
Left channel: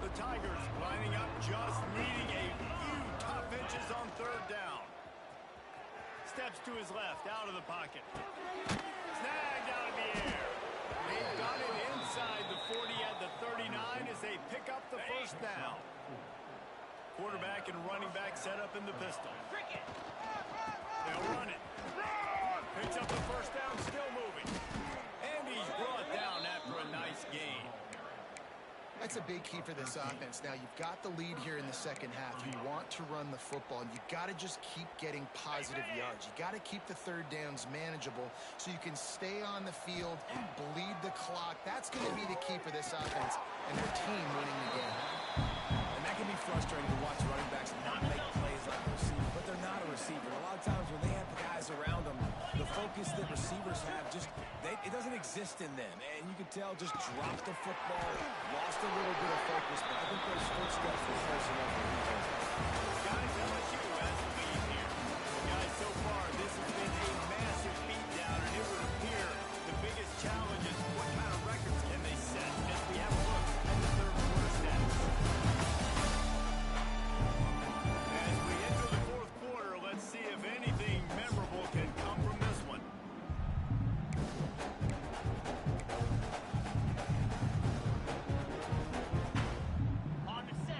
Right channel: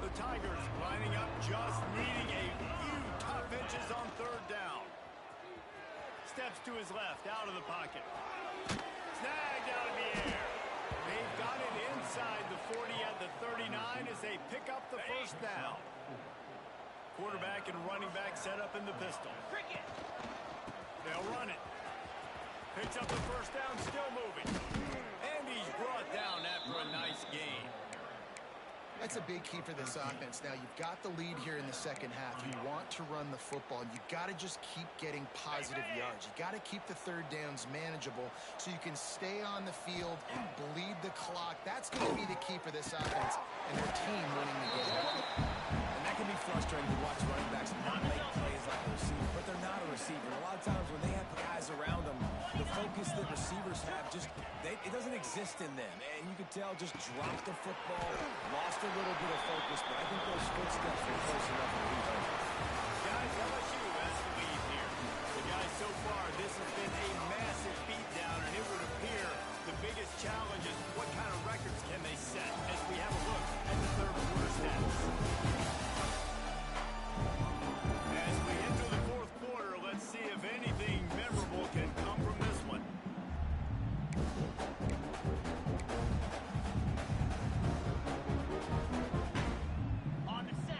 The Tigers lining up, just needing a few tough inches on 3rd down. Steps to his left, out of the pocket. Snagged out of the air. He they've got it inside the 40 at the 39 as they pick up the first down. Quarterback and running back set up in the pistol. They'll run it. Picks up the first down, still moving. And he's brought down after a nice game. That's a big key for this offense. Now, you've got the lead here in the second half. You want to run the football, and you got to just keep getting positive yards. You got to keep the third downs manageable so you can stay on the field and bleed the clock. That's going to be the key for this offense and their team winning the game. And that can be frustrating to watch running backs not make plays like a receiver, but they're not a receiver. And a lot of times when they have guys around them, the focus that receivers have it doesn't exist in them. And you could tell just dropped the football, lost a little bit of focus, but I think those footsteps were close enough for him. Guys, LSU has the lead here. Well, guys, so far this has been a massive beatdown, and it would appear the biggest challenge is what kind of records can they set as we have a look at the third quarter stats. As we enter the fourth quarter, let's see if anything memorable can come from this one.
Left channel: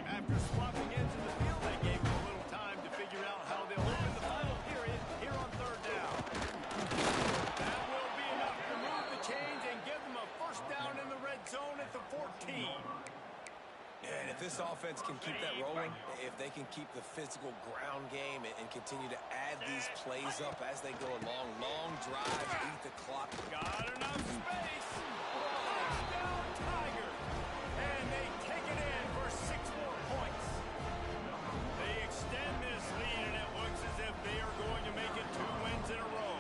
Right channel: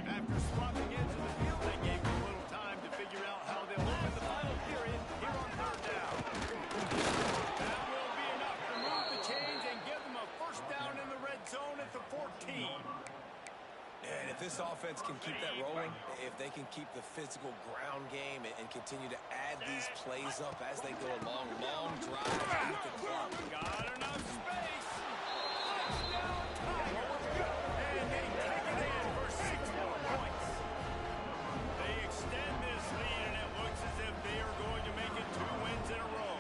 After swapping into the field, that gave them a little time to figure out how they'll open the final period here on third down. That will be enough to move the chains and give them a first down in the red zone at the 14. And if this offense can keep that rolling, if they can keep the physical ground game and continue to add these plays up as they go along, long drives, beat the clock. Got enough space. Touchdown, Tiger. And they take it in for 6 more points. They extend this lead, and it looks as if they are going to make it 2 wins in a row.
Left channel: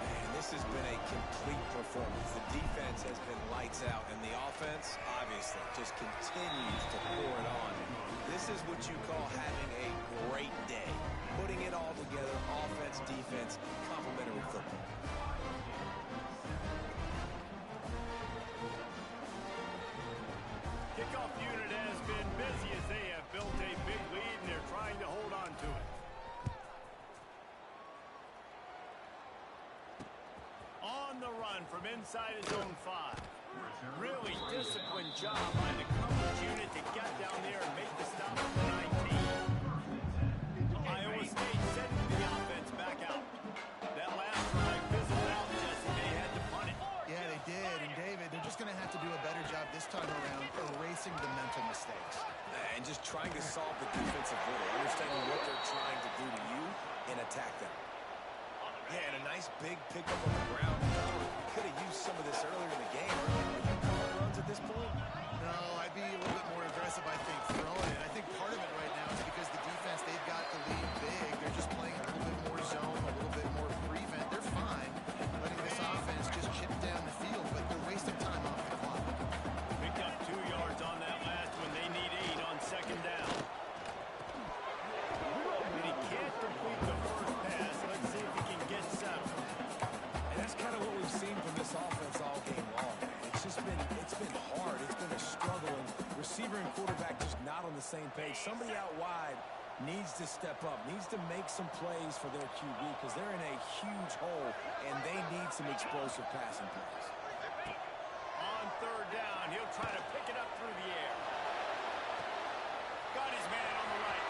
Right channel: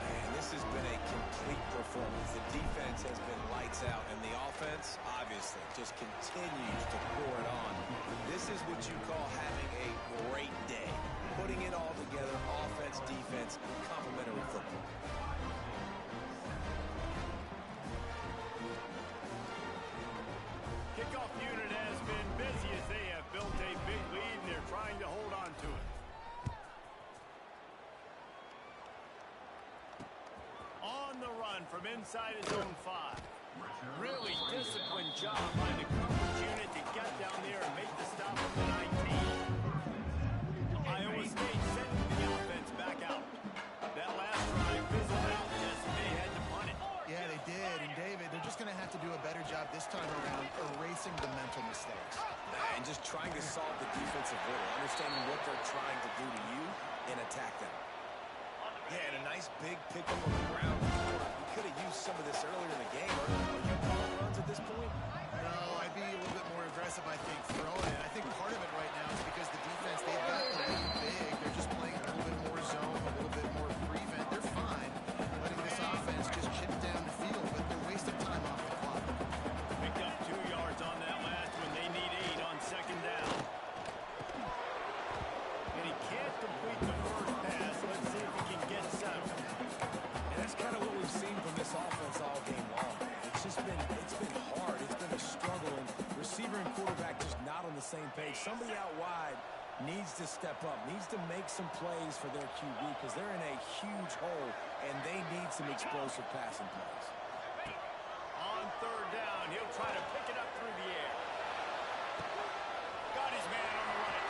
Man, this has been a complete performance. The defense has been lights out, and the offense, obviously, just continues to pour it on. This is what you call having a great day. Putting it all together, offense, defense, complementary football. Kickoff unit has been busy as they have built a big lead, and they're trying to hold on to it. On the run from inside his own 5. Really disciplined job by the coverage unit to get down there and make the stop at the 19. Iowa State sending the offense back out. That last drive fizzled out, Jesse. They had to punt it. Yeah, they did. And, David, they're just going to have to do a better job this time around erasing the mental mistakes. And just trying to solve the defensive riddle, understanding what they're trying to do to you and attack them. Yeah, and a nice big pickup on the ground. You could have used some of this earlier in the game. Are you calling runs at this point? No, I'd be a little bit more aggressive, I think, throwing it. I think part of it right now is because the defense, they've got the lead big. They're just playing a little bit more zone, a little bit more prevent. They're fine letting this offense just chip down the field, but they're wasting time off the clock. Picked up 2 yards on that last one. They need 8 on second down. And he can't complete the first pass. Let's see if he can get settled. And that's kind of what we've seen from this offense all game long, man. It's been hard. It's been a struggle, and receiver and quarterback just not on the same page. Somebody out wide needs to step up, needs to make some plays for their QB because they're in a huge hole, and they need some explosive passing plays. On third down, he'll try to pick it up through the air. Got his man on the right.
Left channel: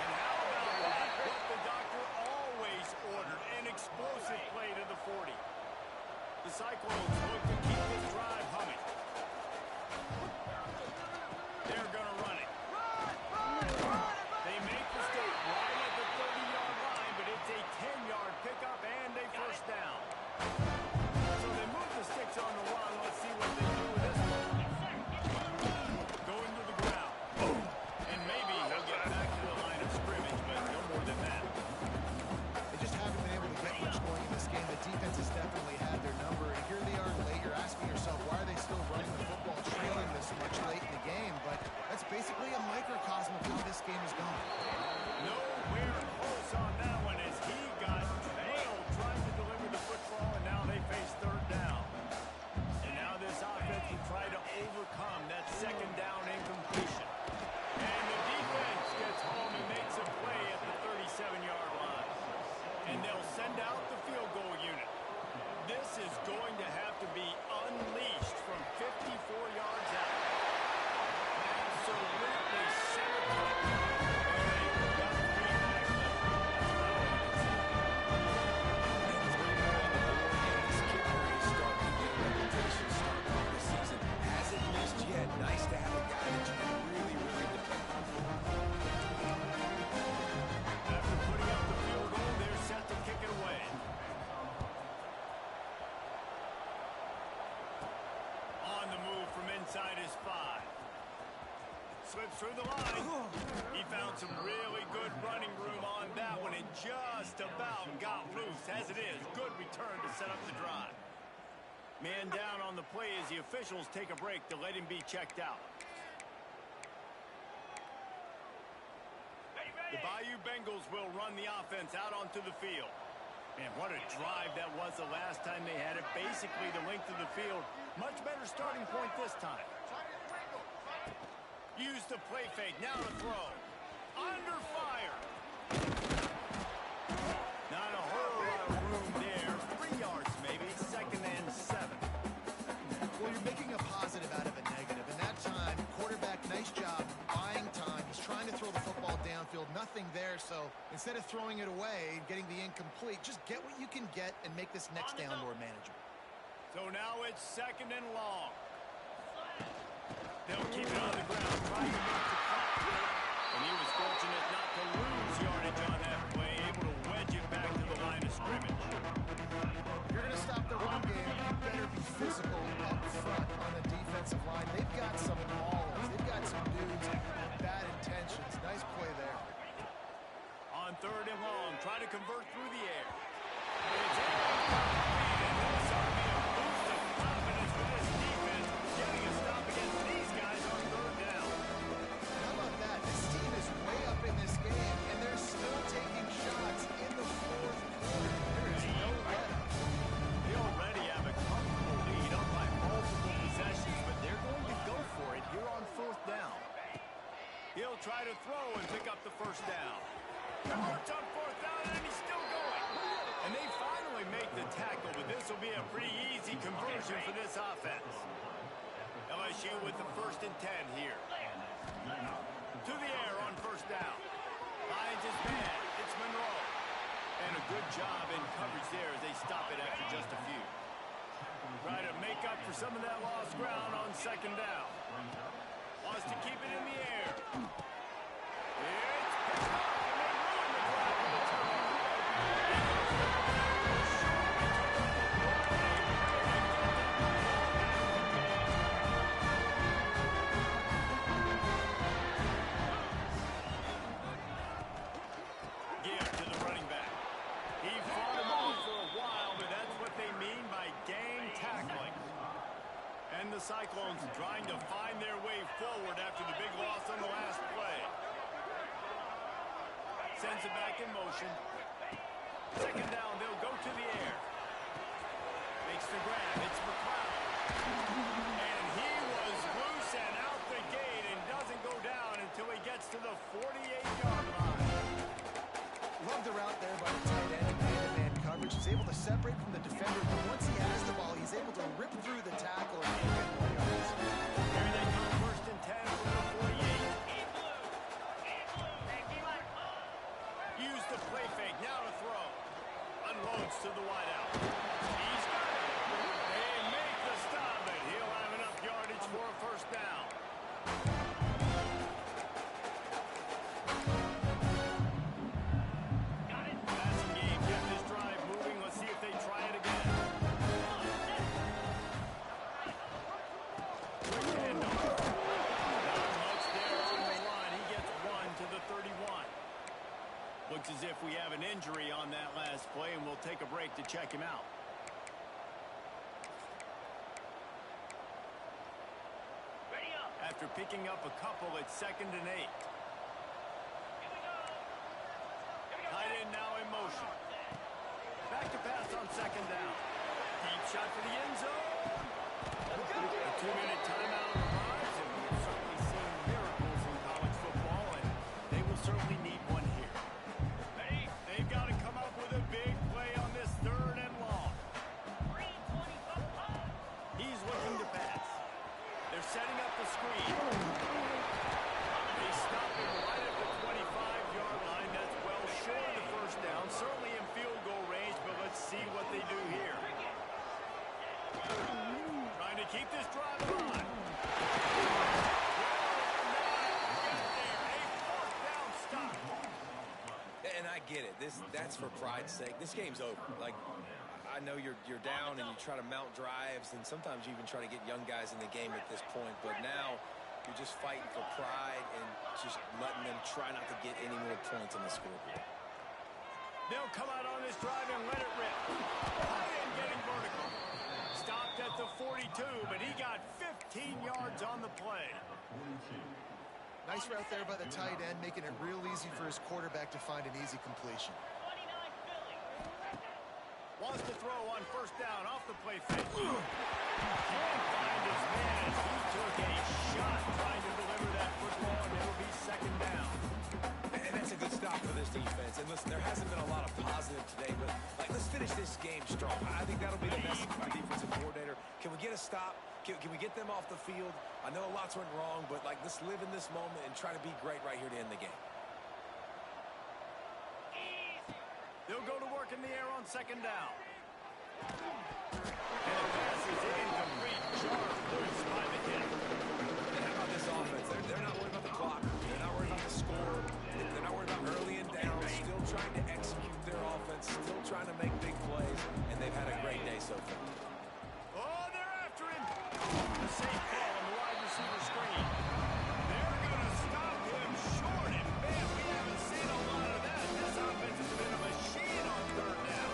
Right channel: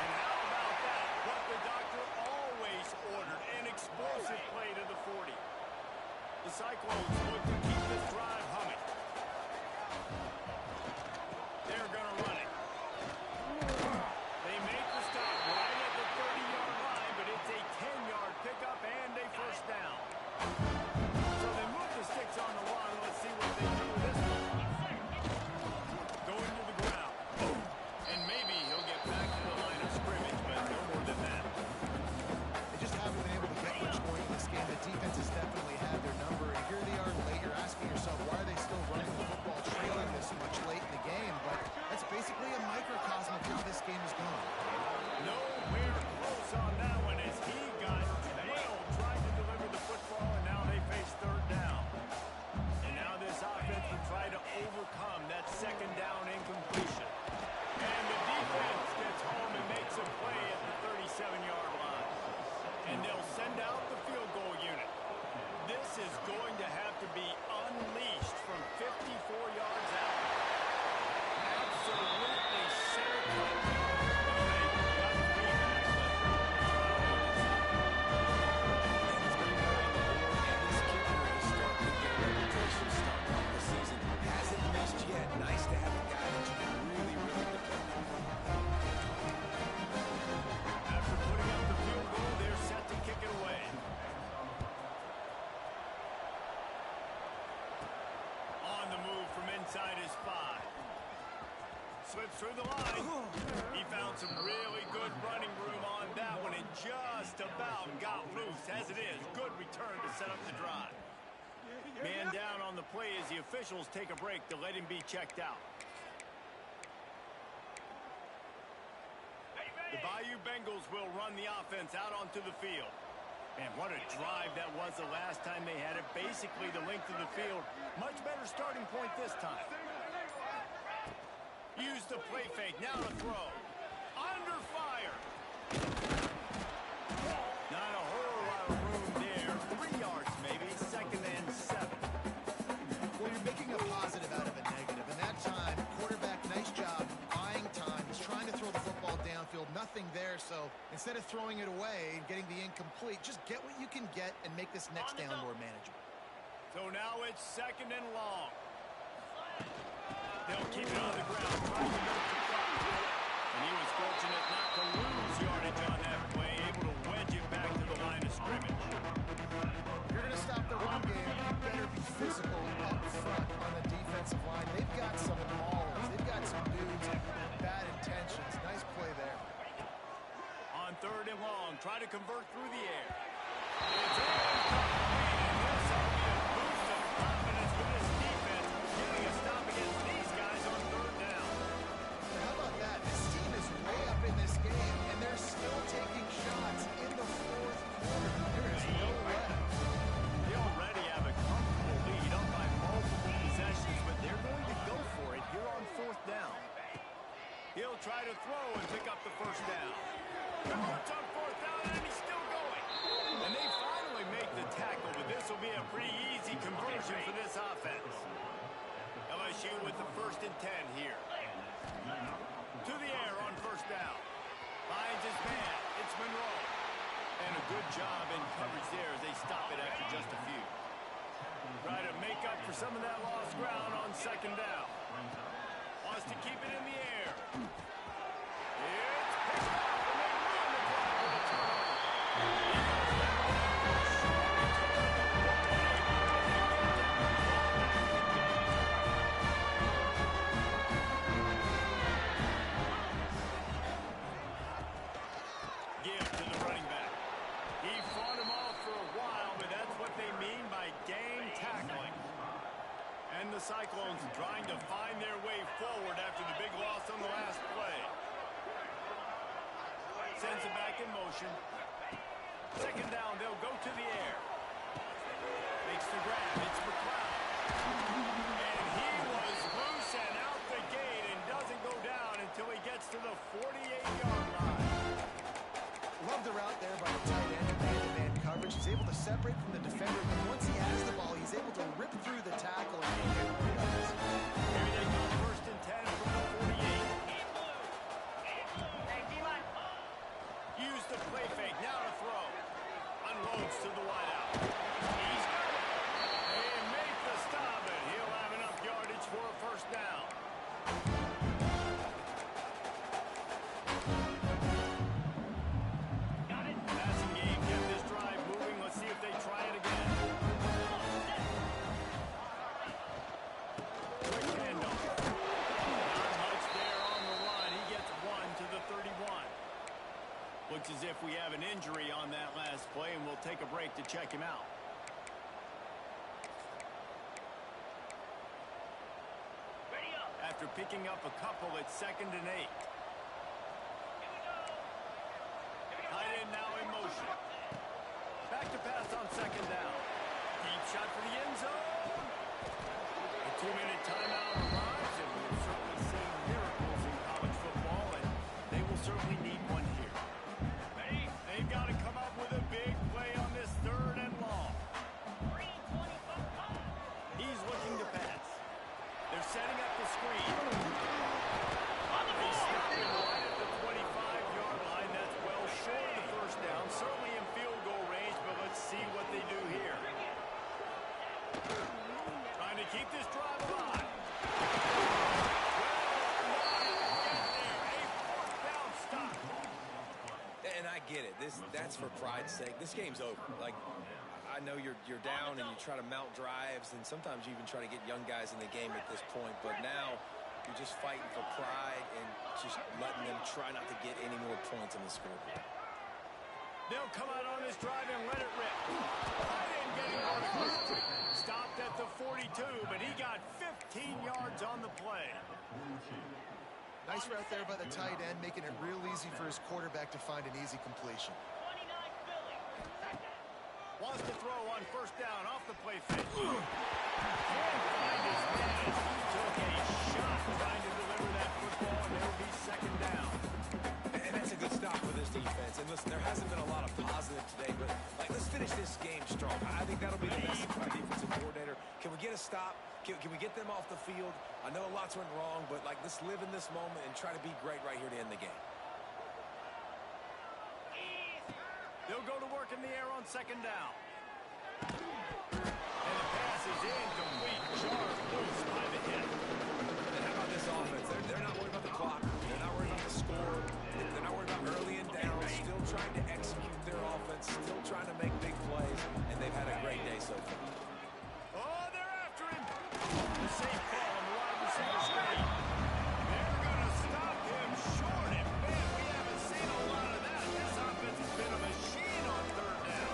And how about that? What the doctor always ordered, an explosive play to the 40. The Cyclones look to keep this drive humming. They're going to run it. They make the stop right at the 30-yard line, but it's a 10-yard pickup and a first down. So they move the sticks on the run. Let's see what they do with this one. Going to the ground. And maybe he'll get back to the line of scrimmage, but no more than that. They just haven't been able to get much going in this game. The defense has definitely had their number, and here they are late. You're asking yourself, why are they still running the football, trailing this much late in the game? But that's basically a microcosm of how this game is going. Nowhere close on that one as he got drilled trying to deliver the football, and now they face third down. And now this offense will try to overcome that second down incompletion. And the defense gets home and makes a play at the 37-yard line. And they'll send out the field goal unit. This is going to have to be unleashed from 54 yards out. Absolutely center cut. Well, they got the feedback, but that's about all you can see. And 3 more on the board, and this kicker is starting to get a reputation starting off the season. Hasn't missed yet. Nice to have a guy that you can really, really depend on. After putting up the field goal, they're set to kick it away. On the move from inside his 5. Slips through the line. He found some really good running room on that one and just about got loose. As it is, good return to set up the drive. Man down on the play as the officials take a break to let him be checked out. The Bayou Bengals will run the offense out onto the field. Man, what a drive that was the last time they had it. Basically the length of the field. Much better starting point this time. Use the play fake. Now to throw. Under fire. Not a whole lot of room there. 3 yards maybe. 2nd and 7. Well, you're making a positive out of a negative. And that time, quarterback, nice job buying time. He's trying to throw the football downfield. Nothing there. So instead of throwing it away and getting the incomplete, just get what you can get and make this next down more manageable. So now it's 2nd and long. They'll keep it on the ground, trying to milk the clock. And he was fortunate not to lose yardage on that play, able to wedge it back to the line of scrimmage. If you're going to stop the run game, you better be physical up front on the defensive line. They've got some maulers. They've got some dudes with bad intentions. Nice play there. On 3rd and long, try to convert through the air. It's incomplete, and this ought to be a boost of confidence for this defense, getting a stop against these guys on 3rd down. And how about that? This team is way up in this game, and they're still taking shots in the 4th quarter. There is no let-up. They already have a comfortable lead up by multiple possessions, but they're going to go for it here on 4th down. He'll try to throw and pick up the 1st down. Converts on 4th down, and he's still going. And they finally make the tackle, but this will be a pretty easy conversion for this offense. LSU with the 1st and 10 here. To the air on 1st down. Finds his man. It's Monroe. And a good job in coverage there as they stop it after just a few. Try to make up for some of that lost ground on 2nd down. Wants to keep it in the air. It's picked off, and they ruin the drive with a turnover. He goes down and out for a short return. What a play to get that ball back in the game. Give to the running back. He fought him off for a while, but that's what they mean by game tackling. And the Cyclones trying to find their way forward after the big loss on the last play. Sends it back in motion. 2nd down, they'll go to the air. Makes the grab. It's McLeod. And he was loose and out the gate and doesn't go down until he gets to the 48-yard line. Love the route there by the tight end in man-to-man coverage. He's able to separate from the defender, but once he has the ball, he's able to rip through the tackle and get more yards. Here they come, 1st and 10 from the 48. Use the play fake, now to throw. Unloads to the wideout. He's got it. They make the stop, but he'll have enough yardage for a 1st down. Passing game kept this drive moving. Let's see if they try it again. Quick handoff. Not much there on the line. He gets 1 to the 31. Looks as if we have an injury on that last play, and we'll take a break to check him out. After picking up a couple, it's 2nd and 8. Tight end now in motion. Back to pass on 2nd down. Deep shot for the end zone. A 2-minute timeout arrives, and we have certainly seen miracles in college football, and they will certainly need one here. They've got to come up with a big play on this 3rd and long. They're setting up the screen. They stop him right at the 25-yard line. That's well short of the first down. Certainly in field goal range, but let's see what they do here. Trying to keep this drive alive. And I get it. That's for pride's sake. This game's over. Like, I know you're down and you try to mount drives, and sometimes you even try to get young guys in the game at this point. But now you're just fighting for pride and just letting them try not to get any more points on the scoreboard. They'll come out on this drive and let it rip. Tight end getting vertical. Stopped at the 42, but he got 15 yards on the play. Nice route there by the tight end, making it real easy for his quarterback to find an easy completion. Wants to throw on first down off the play fake. Can't find his man as he took a shot trying to deliver that football, and it'll be second down. And that's a good stop for this defense. And listen, there hasn't been a lot of positive today, but let's finish this game strong. I think that'll be the message from the defensive coordinator. Can we get a stop? Can we get them off the field? I know lots went wrong, but let's live in this moment and try to be great right here to end the game. They'll go to work in the air on second down. And the pass is incomplete. Sharp loose by the hit. And how about this offense? They're not worried about the clock. They're not worried about the score. They're not worried about early and down. Still trying to execute their offense. Still trying to make big plays. And they've had a great day so far. Oh, they're after him. The safe call on the wide receiver screen. They're going to stop him short. And man, we haven't seen a lot of that. This offense has been a machine on third down.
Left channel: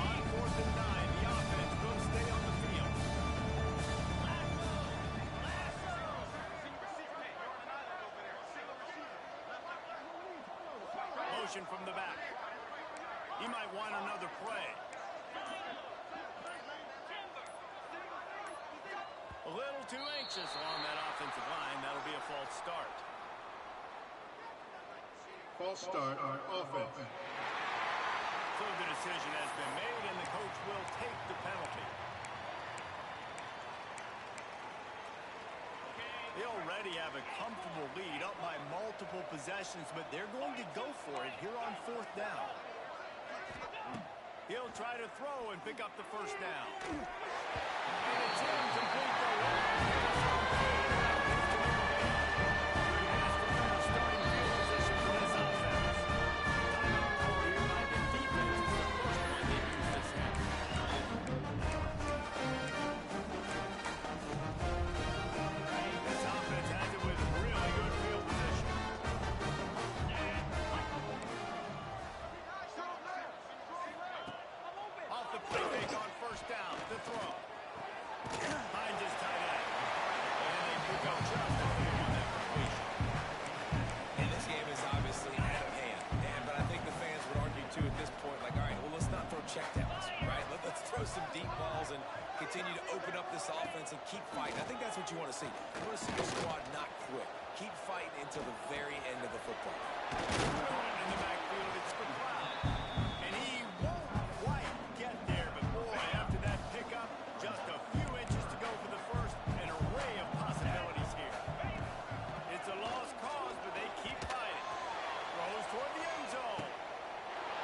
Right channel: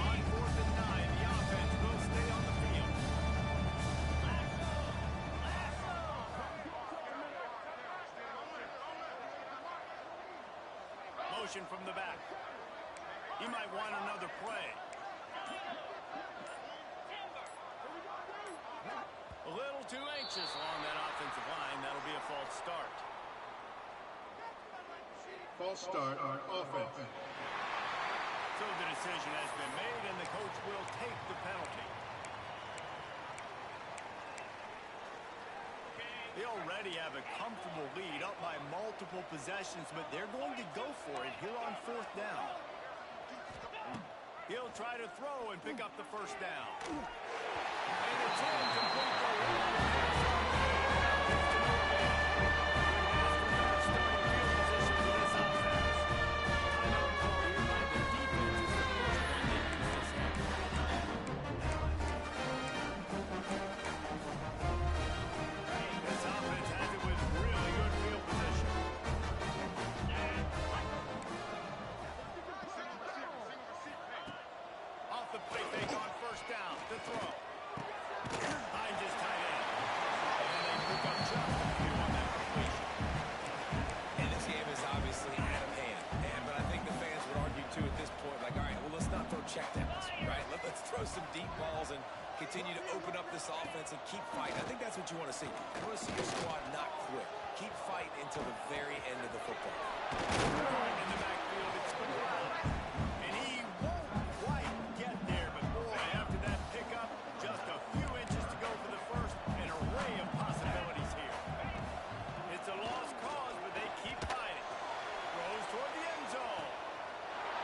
On 4th and 9, the offense will stay on the field. Motion from the back. He might want another play. A little too anxious along that offensive line. That'll be a false start. False start on offense. So the decision has been made, and the coach will take the penalty. They already have a comfortable lead up by multiple possessions, but they're going to go for it here on 4th down. He'll try to throw and pick up the first down. And it's incomplete to long pass on Payne. Now he's to move in. Good has to better starting field position for this offense. Timeout call here by the defense is the first one they've used this half. This offense has it with really good field position. Off the play fake on first down. The throw. Finds his tight end. And they pick up just a few on that completion. And this game is obviously out of hand. But I think the fans would argue, too, at this point, like, all right, well, let's not throw checkdowns, right? Let's throw some deep balls and continue to open up this offense and keep fighting. I think that's what you want to see. You want to see your squad not quit. Keep fighting until the very end of the football. In the backfield, it's McLeod. And he won't quite get there, but boy, after that pickup, just a few inches to go for the first. An array of possibilities here. It's a lost cause, but they keep fighting. Throws toward the end zone.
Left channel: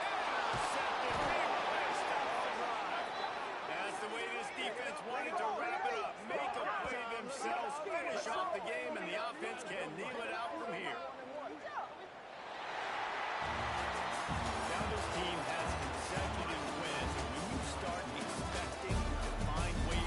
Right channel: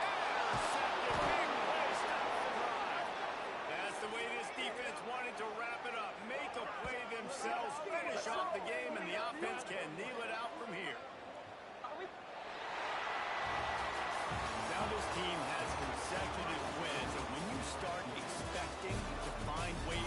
Intercepted. Big play. Stops the drive. That's the way this defense wanted to wrap it up. Make a play themselves. Finish off the game, and the offense can kneel it out from here. Now this team has consecutive wins, and when you start expecting to find ways